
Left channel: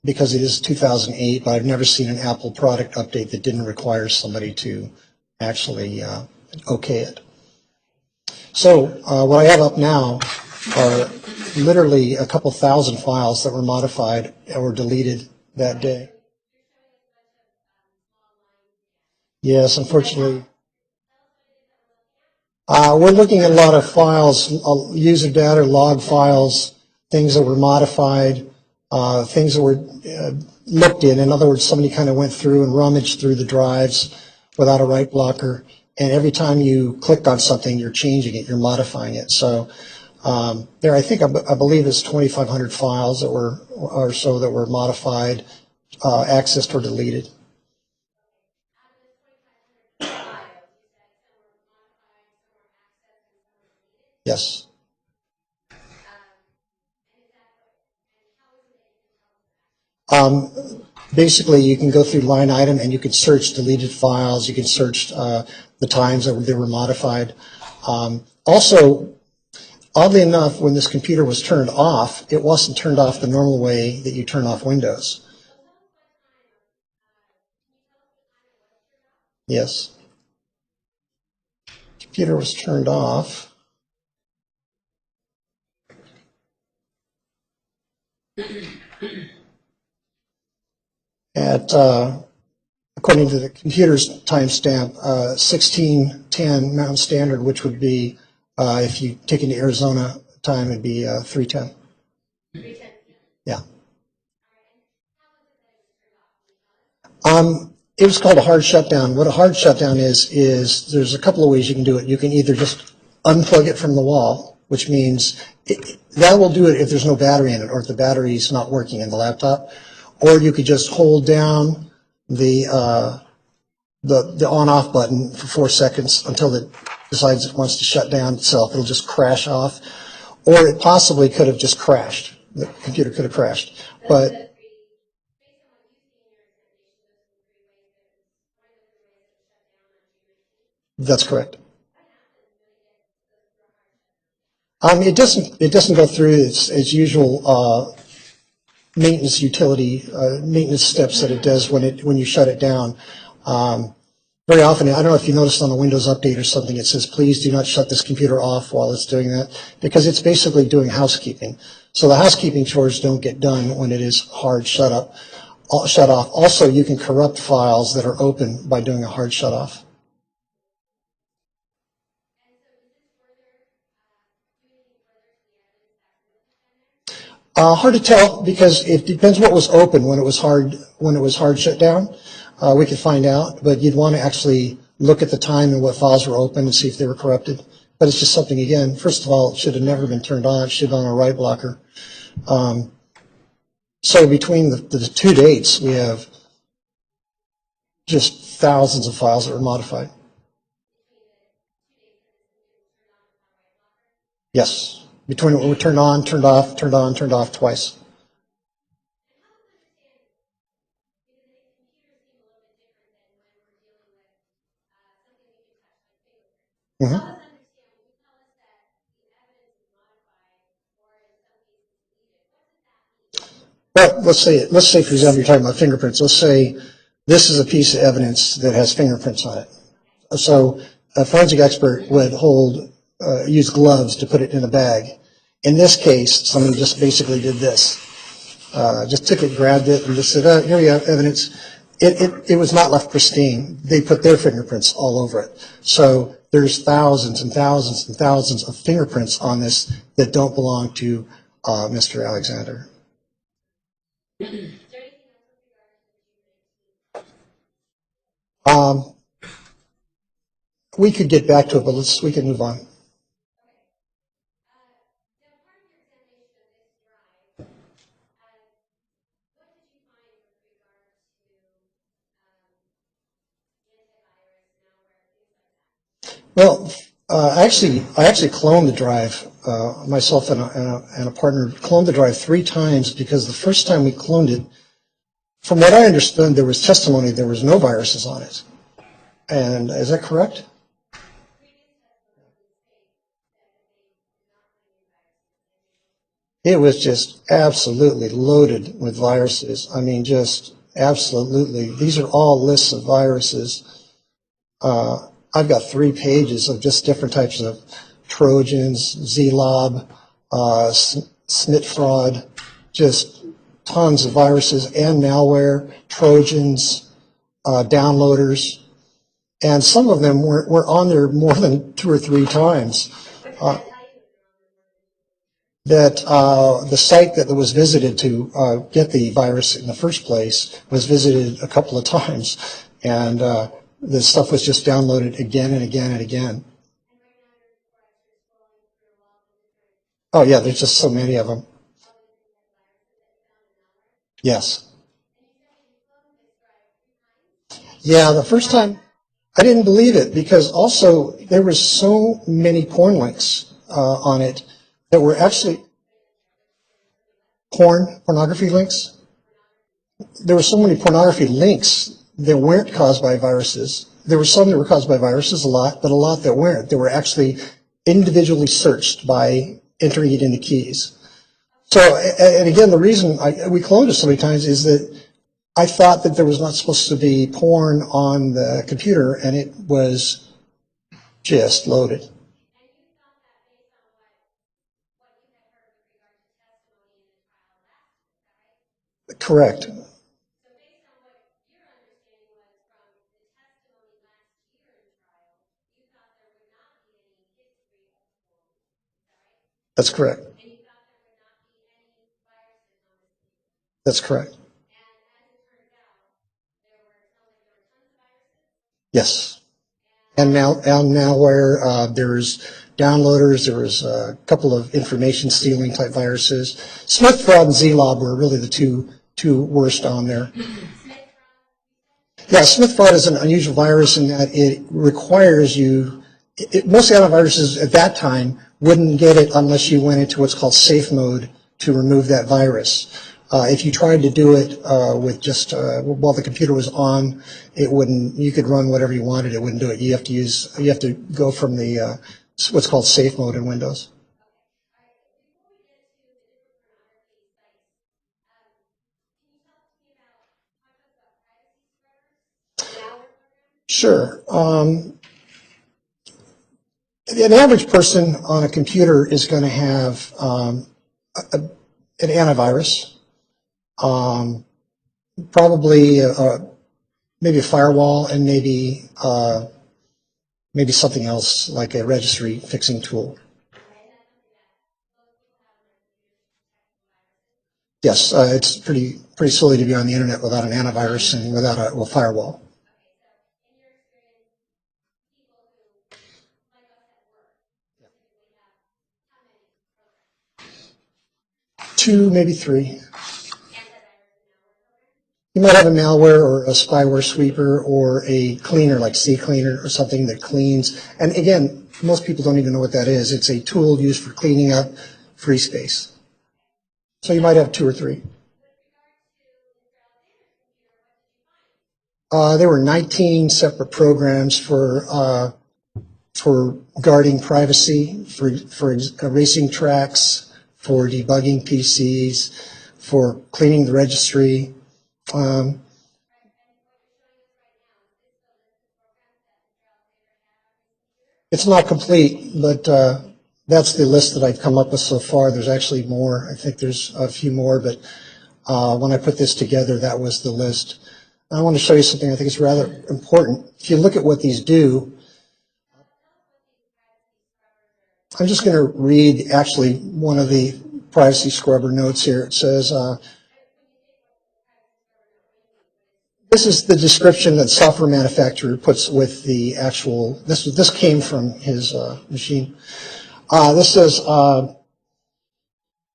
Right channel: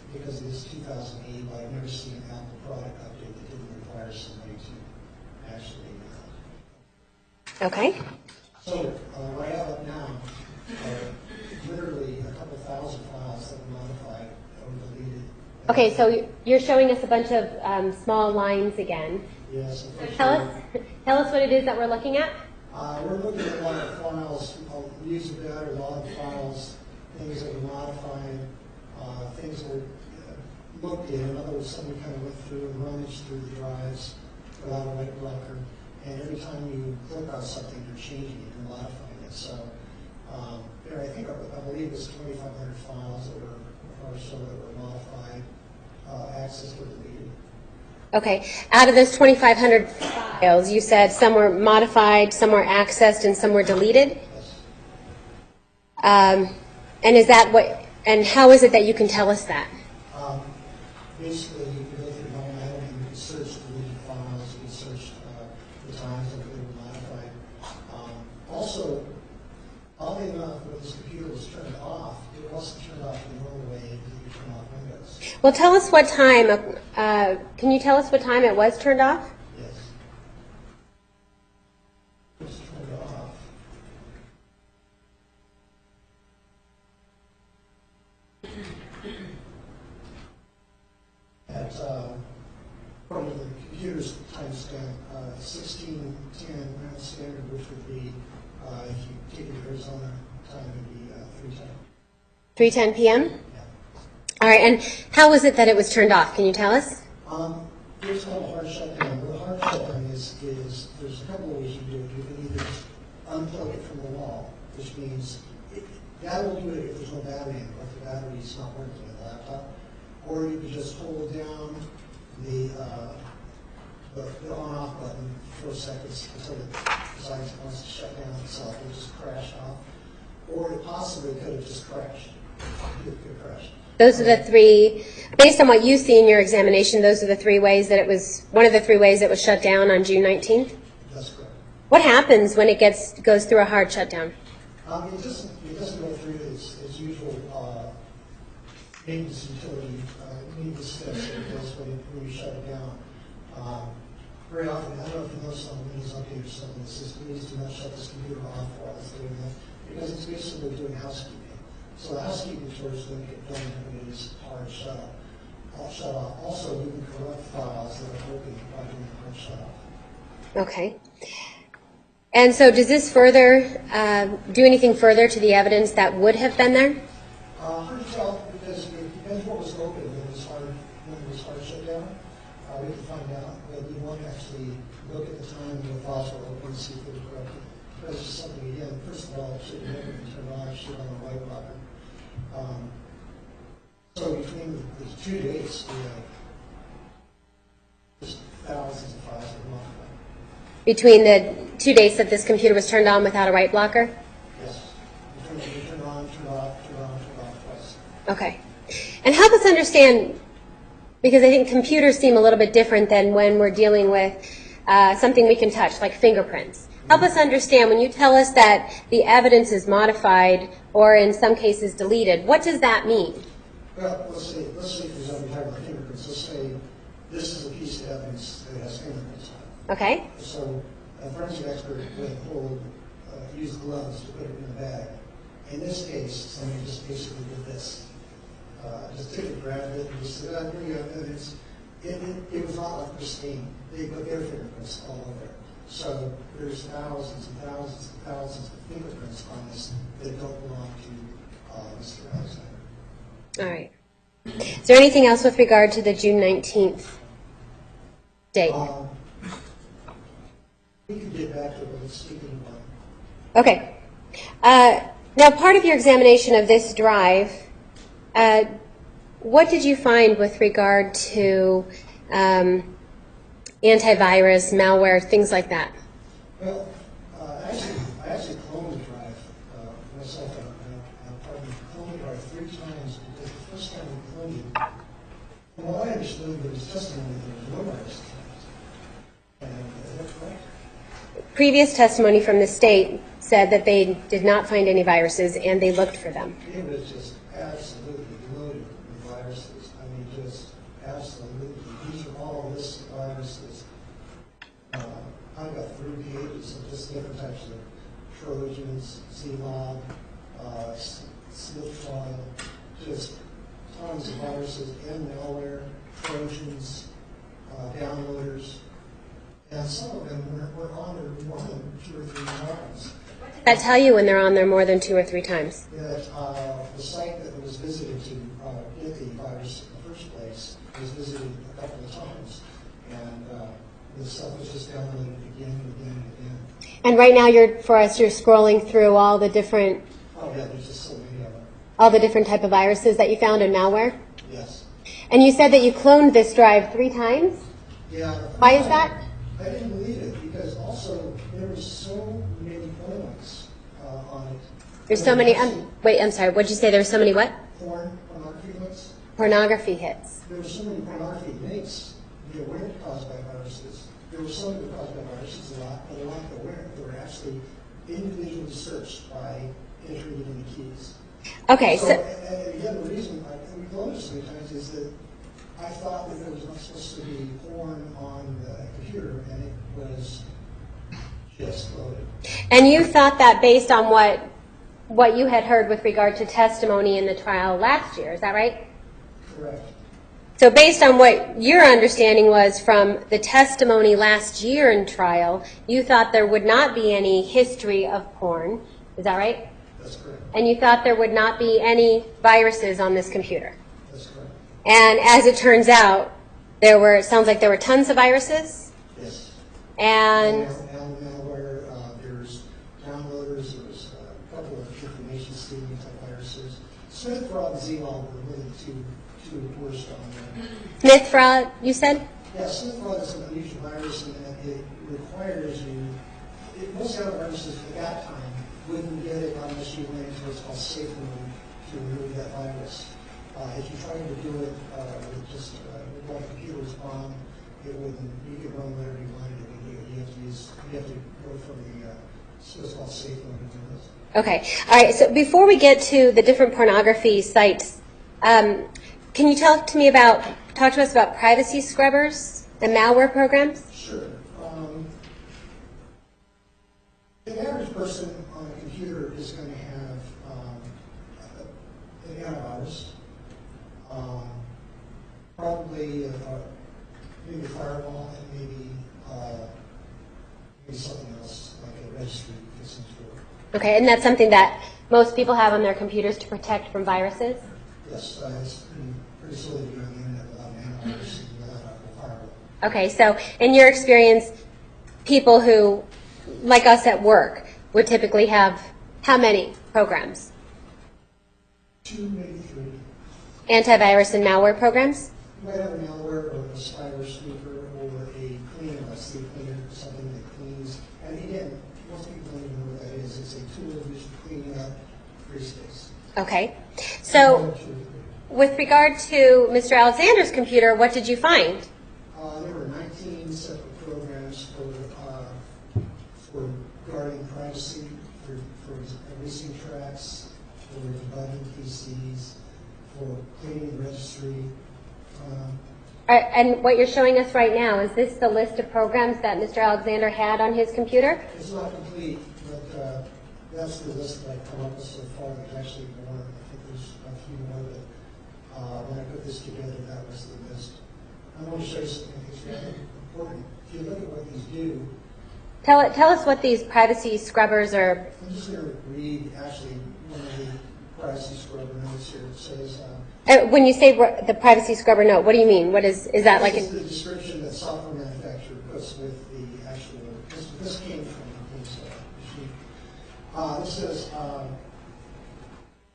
because it is 2008, but I've never seen an Apple product update that didn't require somebody to actually okay it. Okay. So what I have up now are literally a couple thousand files that were modified or deleted that day. Okay, so you're showing us a bunch of small lines again. Yes, unfortunately. Tell us what it is that we're looking at. We're looking at a lot of files, user data, log files, things that were modified, things that were looked in. In other words, somebody kind of went through and rummaged through the drives without a write blocker, and every time you clicked on something, you're changing it, you're modifying it. So there, I believe it's 2,500 files that were that were modified, accessed, or deleted. Okay. Out of those 2,500 files, you said some were modified, some were accessed, and some were deleted? Yes. And is that what? And how is it that you can tell us that? Basically, you can go through line item and you can search deleted files. You can search the times that they were modified. Also, oddly enough, when this computer was turned off, it wasn't turned off the normal way that you turn off Windows. Well, tell us what time. Can you tell us what time it was turned off? Yes. Computer was turned off at, according to the computer's timestamp, 16:10 Mountain Standard, which would be, if you take into Arizona time, it'd be 3:10. 3:10 p.m.? Yeah. All right, and how was it that it was turned off? Can you tell us? It was called a hard shutdown. What a hard shutdown is there's a couple of ways you can do it. You can either just unplug it from the wall, which means that will do it if there's no battery in it or if the battery's not working in the laptop, or you could just hold down the on-off button for 4 seconds until it decides it wants to shut down itself. It'll just crash off, or it possibly could have just crashed. The computer could have crashed. Those are the three, based on what you see in your examination, those are the three ways that it was, one of the three ways it was shut down on June 19th? That's correct. What happens when it goes through a hard shutdown? It doesn't go through its usual maintenance steps that it does when you shut it down. Very often, I don't know if you noticed on a Windows update or something, it says, please do not shut this computer off while it's doing that, because it's basically doing housekeeping. So the housekeeping chores don't get done when it is hard shut off. Also, you can corrupt files that are open by doing a hard shut off. Okay. And so does this further, do anything further to the evidence that would have been there? Hard to tell, because it depends what was open when it was hard shut down. We could find out, but you'd want to actually look at the time and what files were open and see if they were corrupted. But it's just something, again, first of all, it should have never been turned on. It should have been on a write blocker. So between the two dates, we have just thousands of files that were modified. between the 2 dates that this computer was turned on without a write blocker? Yes, between when we turned on, turned off, turned on, turned off twice. Okay. And help us understand, because I think computers seem a little bit different than when we're dealing with something we can touch, like fingerprints. Help us understand, when you tell us that the evidence is modified or in some cases deleted, what does that mean? Well, let's say, for example, you're talking about fingerprints. Let's say this is a piece of evidence that has fingerprints on it. Okay. So a forensic expert would use gloves to put it in a bag. In this case, someone just basically did this. Just took it, grabbed it, and just said, here we have evidence. It was not left pristine. They put their fingerprints all over it. So there's thousands and thousands and thousands of fingerprints on this that don't belong to Mr. Alexander. All right. Is there anything else with regard to the June 19th date? We could get back to it, but we can move on. Okay. Now, part of your examination of this drive, what did you find with regard to antivirus, malware, things like that? Well, I actually cloned the drive. Myself and a partner cloned the drive 3 times because the first time we cloned it, from what I understood, there was testimony there was no viruses on it. And is that correct? Previous testimony from the state said that they did not find any viruses and they looked for them. It was just absolutely loaded with viruses. I mean, just absolutely. These are all lists of viruses. I've got 3 pages of just different types of Trojans, Zlob, SNIT fraud, just tons of viruses and malware, Trojans, downloaders. And some of them were on there more than 2 or 3 times. I tell you when they're on there more than 2 or 3 times. That the site that was visited to get the virus in the first place was visited a couple of times. And the stuff was just downloaded again and again and again. And right now, you're scrolling through all the different... Oh, yeah, there's just so many of them. All the different type of viruses that you found in malware? Yes. And you said that you cloned this drive 3 times? Yeah, the first Why time... is that? I didn't believe it because also there were so many porn links on it. There's so were many... actually wait, I'm sorry. What did you say? There's so many what? pornography links. Pornography hits. There were so many pornography links that weren't caused by viruses. There were some that were caused by viruses, a lot, but a lot that weren't. They were actually individually searched by entering it into keys. Okay. So, and again, the reason we cloned it so many times is that I thought that there was not supposed to be porn on the computer, and it was just loaded. And you thought that based on what you had heard with regard to testimony in the trial last year, is that right? Correct. So based on what your understanding was from the testimony last year in trial, you thought there would not be any history of porn, is that right? That's correct. And you thought there would not be any viruses on this computer? That's correct. And as it turns out, it sounds like there were tons of viruses? Yes. And malware, there's downloaders, there was a couple of information stealing type viruses. SNIT fraud and Zlob were really the two worst on there. SNIT fraud, you said? Yeah, SNIT fraud is an unusual virus in that it requires you, most antiviruses at that time wouldn't get it unless you went into what's called safe mode to remove that virus. If you tried to do it with just while the computer was on, it wouldn't. You could run whatever you wanted. It wouldn't do it. You have to go from the what's called safe mode in Windows. Okay. All right. So before we get to the different pornography sites, can you talk to us about privacy scrubbers and malware programs? Sure. An average person on a computer is going to have an antivirus. Probably maybe a firewall and maybe something else like a registry fixing tool. Okay, and that's something that most people have on their computers to protect from viruses? Yes, it's pretty silly to be on the internet without an antivirus and without a firewall. Okay, so in your experience, people who, like us at work, would typically have how many programs? 2, maybe 3. Antivirus and malware programs? You might have a malware or a spyware sweeper or a cleaner like CCleaner or something that cleans. And again, most people don't even know what that is. It's a tool used for cleaning up free space. Okay. So you might have 2 or 3. With regard to Mr. Alexander's computer, what did you find? There were 19 separate programs for guarding privacy, for erasing tracks, for debugging PCs, for cleaning the registry. And what you're showing us right now, is this the list of programs that Mr. Alexander had on his computer? It's not complete, but that's the list that I've come up with so far. There's actually more. I think there's a few more, but when I put this together, that was the list. I want to show you something I think is rather important. If you look at what these do, Tell us what these privacy scrubbers are. I'm just going to read actually one of the privacy scrubber notes here. It says, When you say the privacy scrubber note, what do you mean? What is that? this like is the description that software manufacturer puts with the actual, this came from his machine. This says,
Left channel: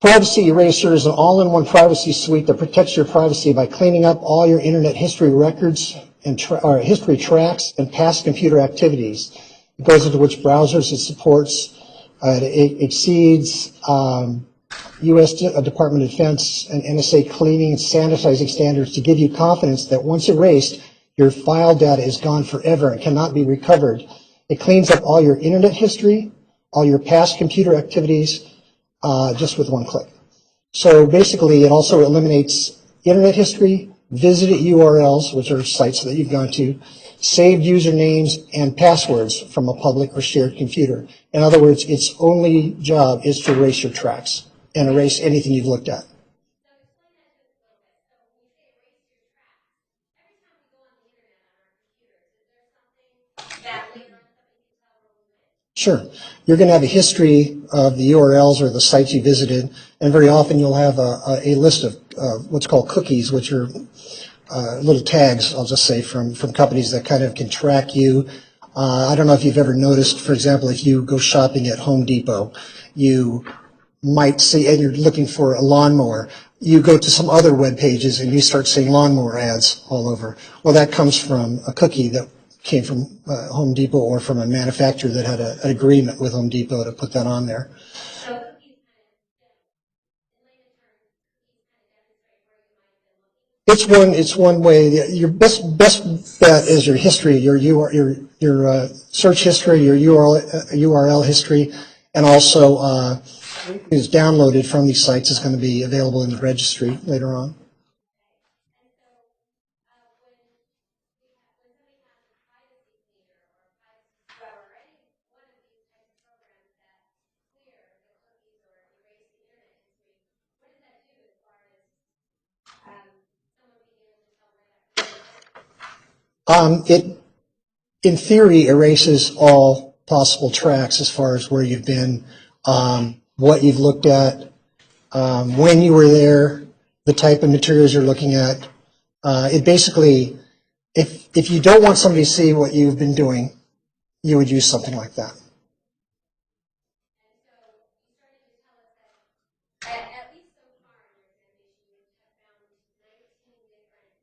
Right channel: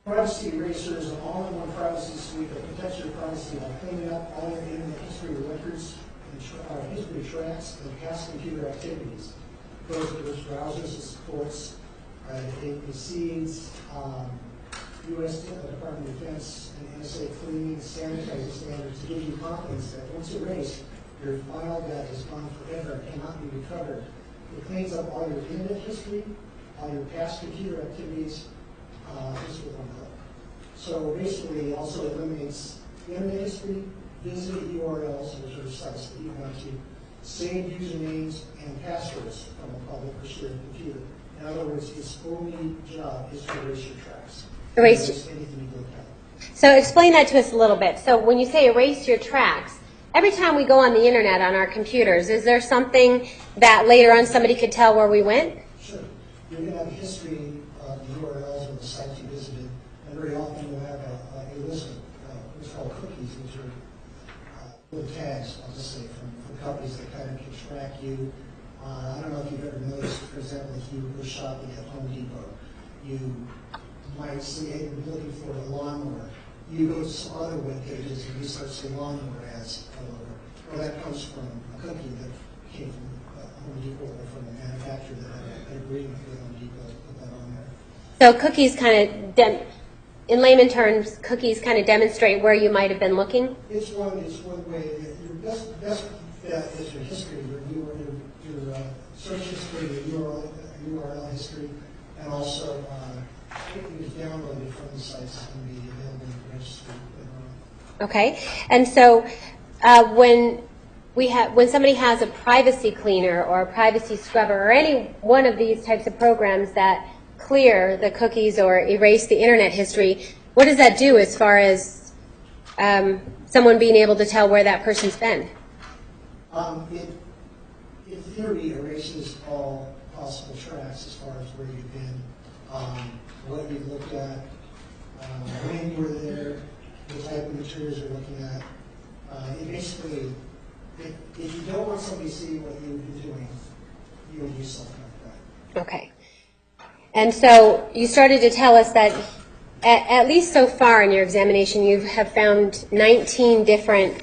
Privacy Eraser is an all-in-one privacy suite that protects your privacy by cleaning up all your internet history records and history tracks and past computer activities. It goes into which browsers it supports. It exceeds U.S. Department of Defense and NSA cleaning and sanitizing standards to give you confidence that once erased, your file data is gone forever and cannot be recovered. It cleans up all your internet history, all your past computer activities, just with one click. So basically, it also eliminates internet history, visited URLs, which are sites that you've gone to, saved usernames and passwords from a public or shared computer. In other words, its only job is to erase your tracks and erase anything you've looked at. So explain that to us a little bit. So when you say erase your tracks, every time we go on the internet on our computers, is there something that later on somebody could tell where we went? Sure. You're going to have a history of the URLs or the sites you visited, and very often you'll have a list of what's called cookies, which are little tags, I'll just say, from companies that kind of can track you. I don't know if you've ever noticed, for example, if you go shopping at Home Depot, you might see, and you're looking for a lawnmower, you go to some other web pages and you start seeing lawnmower ads all over. Well, that comes from a cookie that came from Home Depot or from a manufacturer that had an agreement with Home Depot to put that on there. So cookies kind of, in layman terms, cookies kind of demonstrate where you might have been looking? It's one way. Your best bet is your history, your search history, your URL history, and also is downloaded from these sites is going to be available in the registry later on. Okay, and so when somebody has a privacy cleaner or a privacy scrubber or any one of these types of programs that clear the cookies or erase the internet history, what does that do as far as someone being able to tell where that person's been? It, in theory, erases all possible tracks as far as where you've been, what you've looked at, when you were there, the type of materials you're looking at. It basically, if you don't want somebody to see what you've been doing, you would use something like that. Okay. And so you started to tell us that at least so far in your examination, you have found 19 different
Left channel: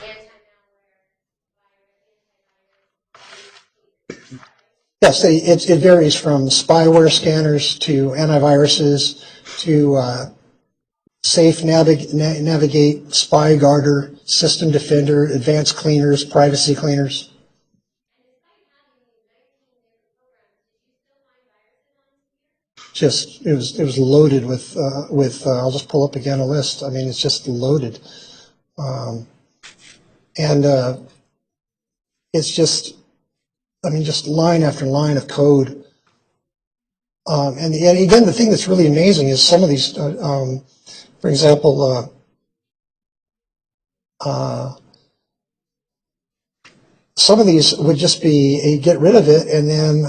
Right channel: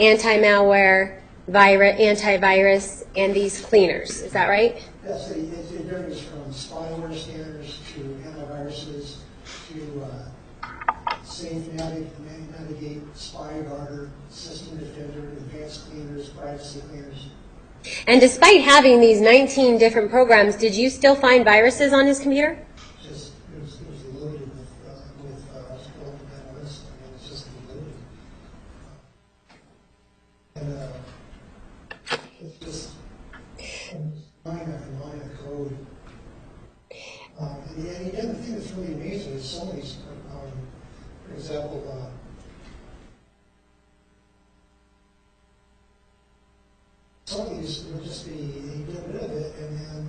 anti-malware, antivirus, and these cleaners. Is that right? Yes, it varies from spyware scanners to antiviruses to Safe Navigate, Spy Guarder, System Defender, Advanced Cleaners, Privacy Cleaners. And despite having these 19 different programs, did you still find viruses on his computer? Just, it was loaded with I'll just pull up again a list. I mean, it's just loaded. It's just, I mean, just line after line of code. And again, the thing that's really amazing is some of these, for example, some of these would just be you get rid of it and then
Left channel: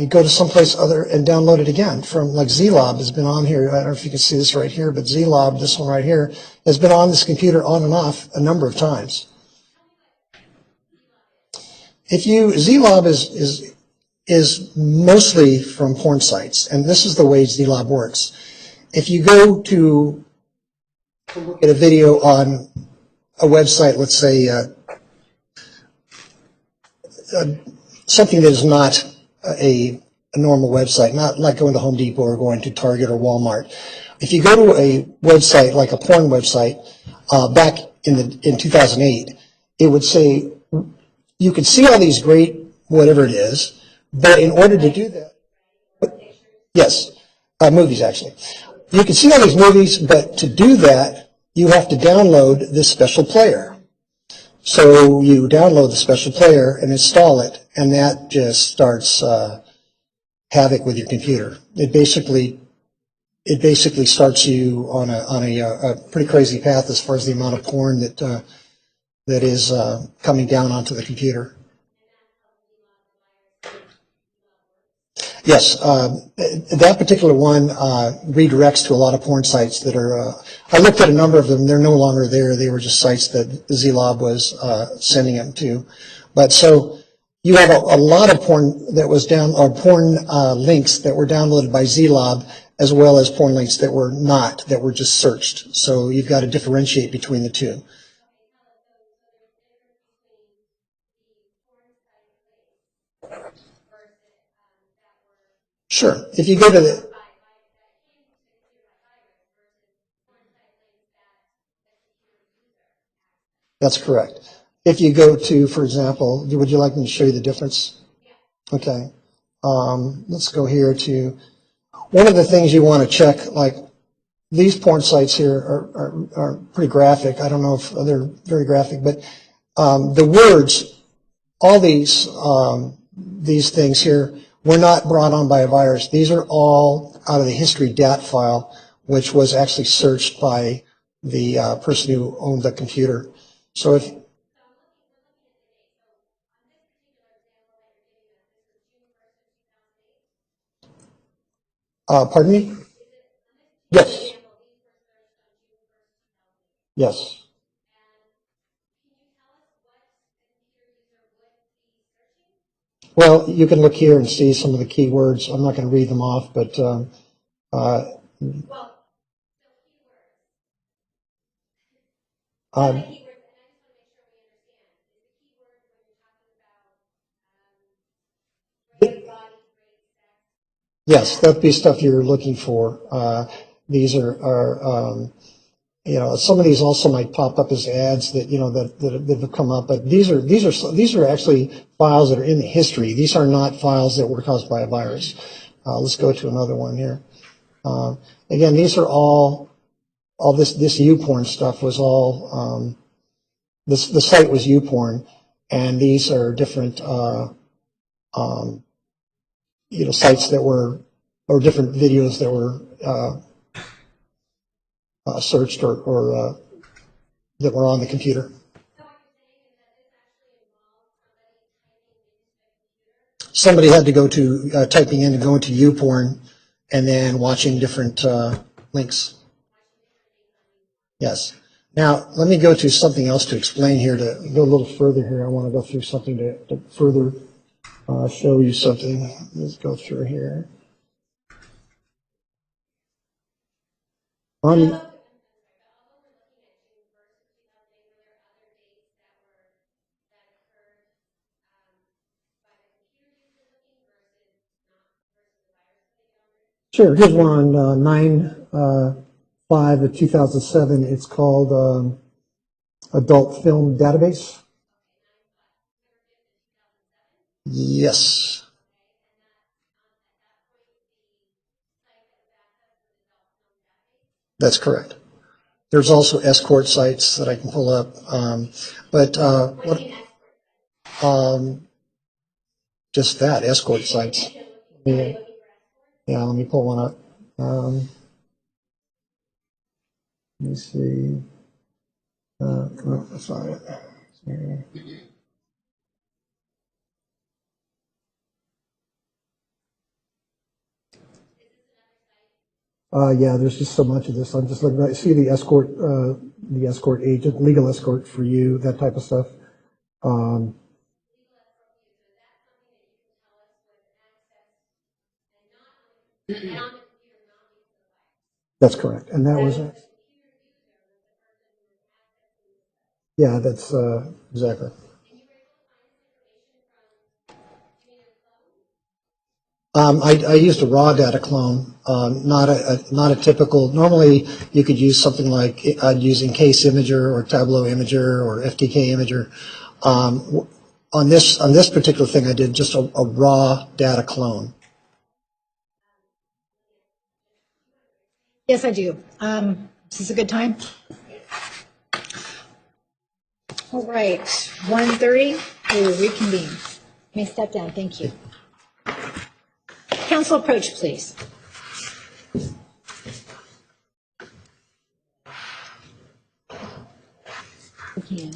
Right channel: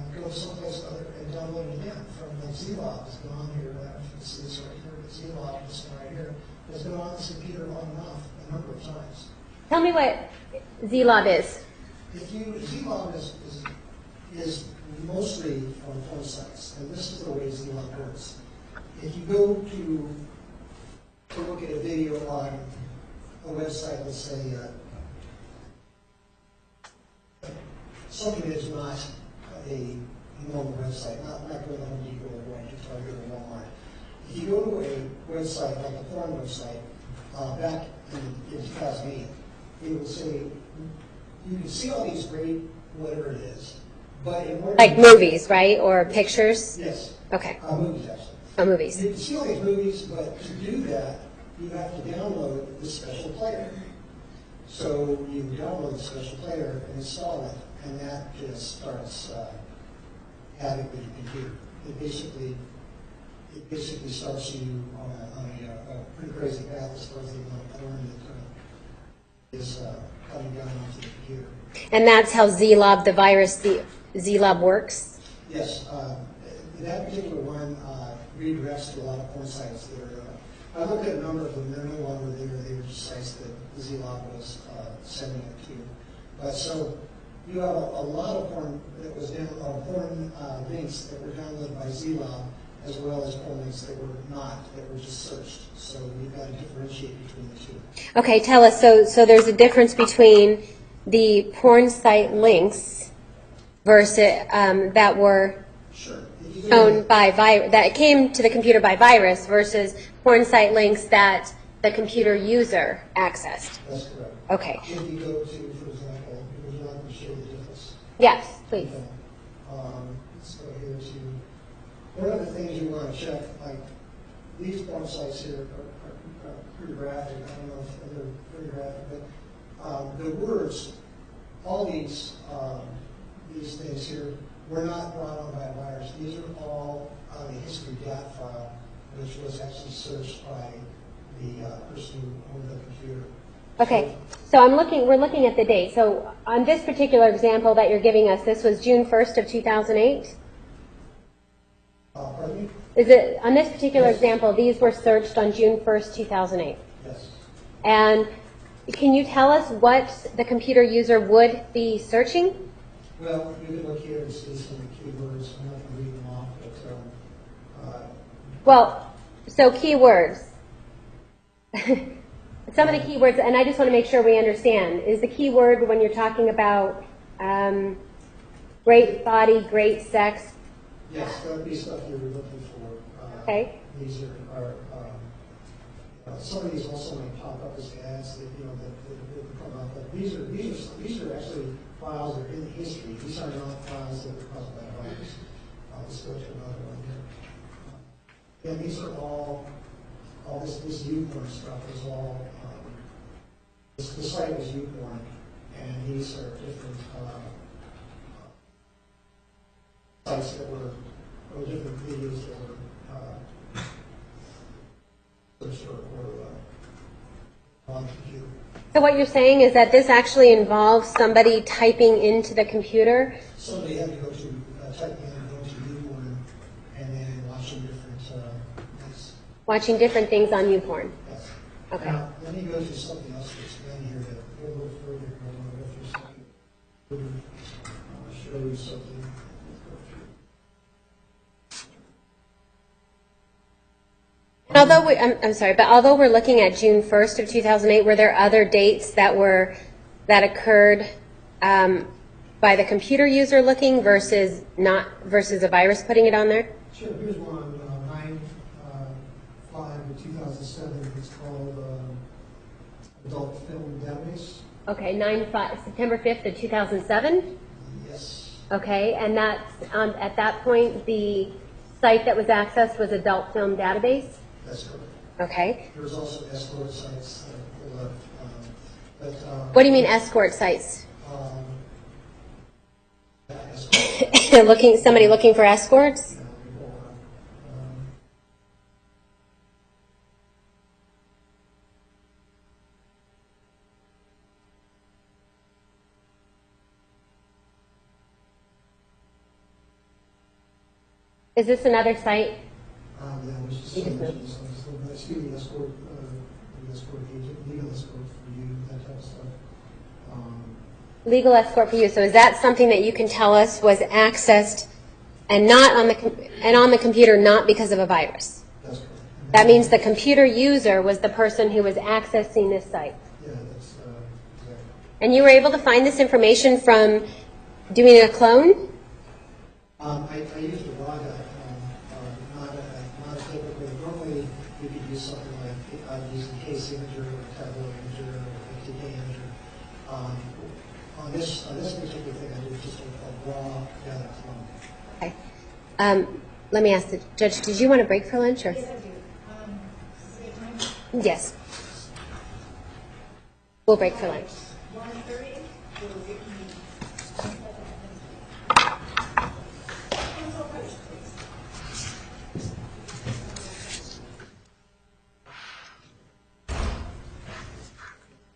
you go to someplace other and download it again. From like Zlob has been on here. I don't know if you can see this right here, but Zlob, this one right here, has been on this computer on and off a number of times. Tell me what Zlob is. Zlob is mostly from porn sites, and this is the way Zlob works. If you go to look at a video on a website, let's say, something that is not a normal website, not like going to Home Depot or going to Target or Walmart. If you go to a website like a porn website, back in 2008, it would say you could see all these great whatever it is, but in order Like to do movies, right, or pictures? yes, Okay. movies actually. Oh, movies. You can see all these movies, but to do that, you have to download this special player. So you download the special player and install it, and that just starts havoc with your computer. It basically starts you on a pretty crazy path as far as the amount of porn that is coming down onto the computer. And that's how Zlob, the virus, Zlob works? Yes, that particular one redirects to a lot of porn sites that are, I looked at a number of them, they're no longer there, they were just sites that Zlob was sending them to. But so you have a lot of porn that was porn links that were downloaded by Zlob, as well as porn links that were not, that were just searched. So you've got to differentiate between the two. Okay, tell us, so there's a difference between the porn site links versus that were Sure. If you go to owned by that came to the computer by virus versus porn site links that the computer user accessed. that's correct. Okay. If you go to, for example, would you like me to show you the difference? Yes. Please. Okay. Let's go here to, one of the things you want to check, like these porn sites here are pretty graphic. I don't know if they're very graphic, but the words, all these things here were not brought on by a virus. These are all out of the history DAT file, which was actually searched by the person who owned the computer. So Okay. So we're looking at the date. So on this particular example that you're giving us, this was June 1st of 2008? pardon me? Is it, on this particular Yes. example, these were searched on June 1st, 2008? Yes. And can you tell us what the computer user would be searching? Well, you can look here and see some of the keywords. I'm not going to read them off, but Well, so keywords. Some of the keywords, and I just want to make sure we understand, is the keyword when you're talking about great body, great sex? yes, that'd be stuff you're looking for. Okay. These are some of these also might pop up as ads that that have come up, but these are actually files that are in the history. These are not files that were caused by a virus. Let's go to another one here. Again, these are all this YouPorn stuff was all the site was YouPorn, and these are different sites that were, or different videos that were searched or that were on the computer. So what you're saying is that this actually involves somebody typing into the computer? Somebody had to go to typing in and go into YouPorn, and then watching different links. Watching different things on YouPorn? Yes. Now, let me go to something else to explain here, to go a little further here. I want to go through something to further show you something. Let's go through here. Although I'm sorry, but although we're looking at June 1st of 2008, were there other dates that occurred by the computer user looking versus a virus putting it on there? Sure. Here's one on 9/5 of 2007. It's called Adult Film Database. Okay, September 5th of 2007? Yes. Okay, and that's, at that point, the site that was accessed was Adult Film Database? That's correct. Okay. There's also escort sites that I can pull up. What do you mean escort sites? Just that, escort sites. Somebody looking for escorts? Yeah, let me pull one up. Let me see. Oh, sorry. Is this another site? Yeah, there's just so much of this. I'm just looking at, see the escort agent, legal escort for you, that type of stuff. Legal escort for you. So is that something that you can tell us was accessed and not on the computer, not because of a virus? That's correct. And That means the computer user was the person who was accessing this site. Yeah, that's exactly. And you were able to find this information from doing a clone? I used a raw data clone, not a typical. Normally, you could use something like using Case Imager or Tableau Imager or FTK Imager. On this particular thing, I did just a raw data clone. Okay. Let me ask the judge, did you want a break for lunch? Or? Yes, I do. Is this a good time? Yes. We'll break. All right, 1:30, we will reconvene. May step down, thank you. Council approach, please. Again.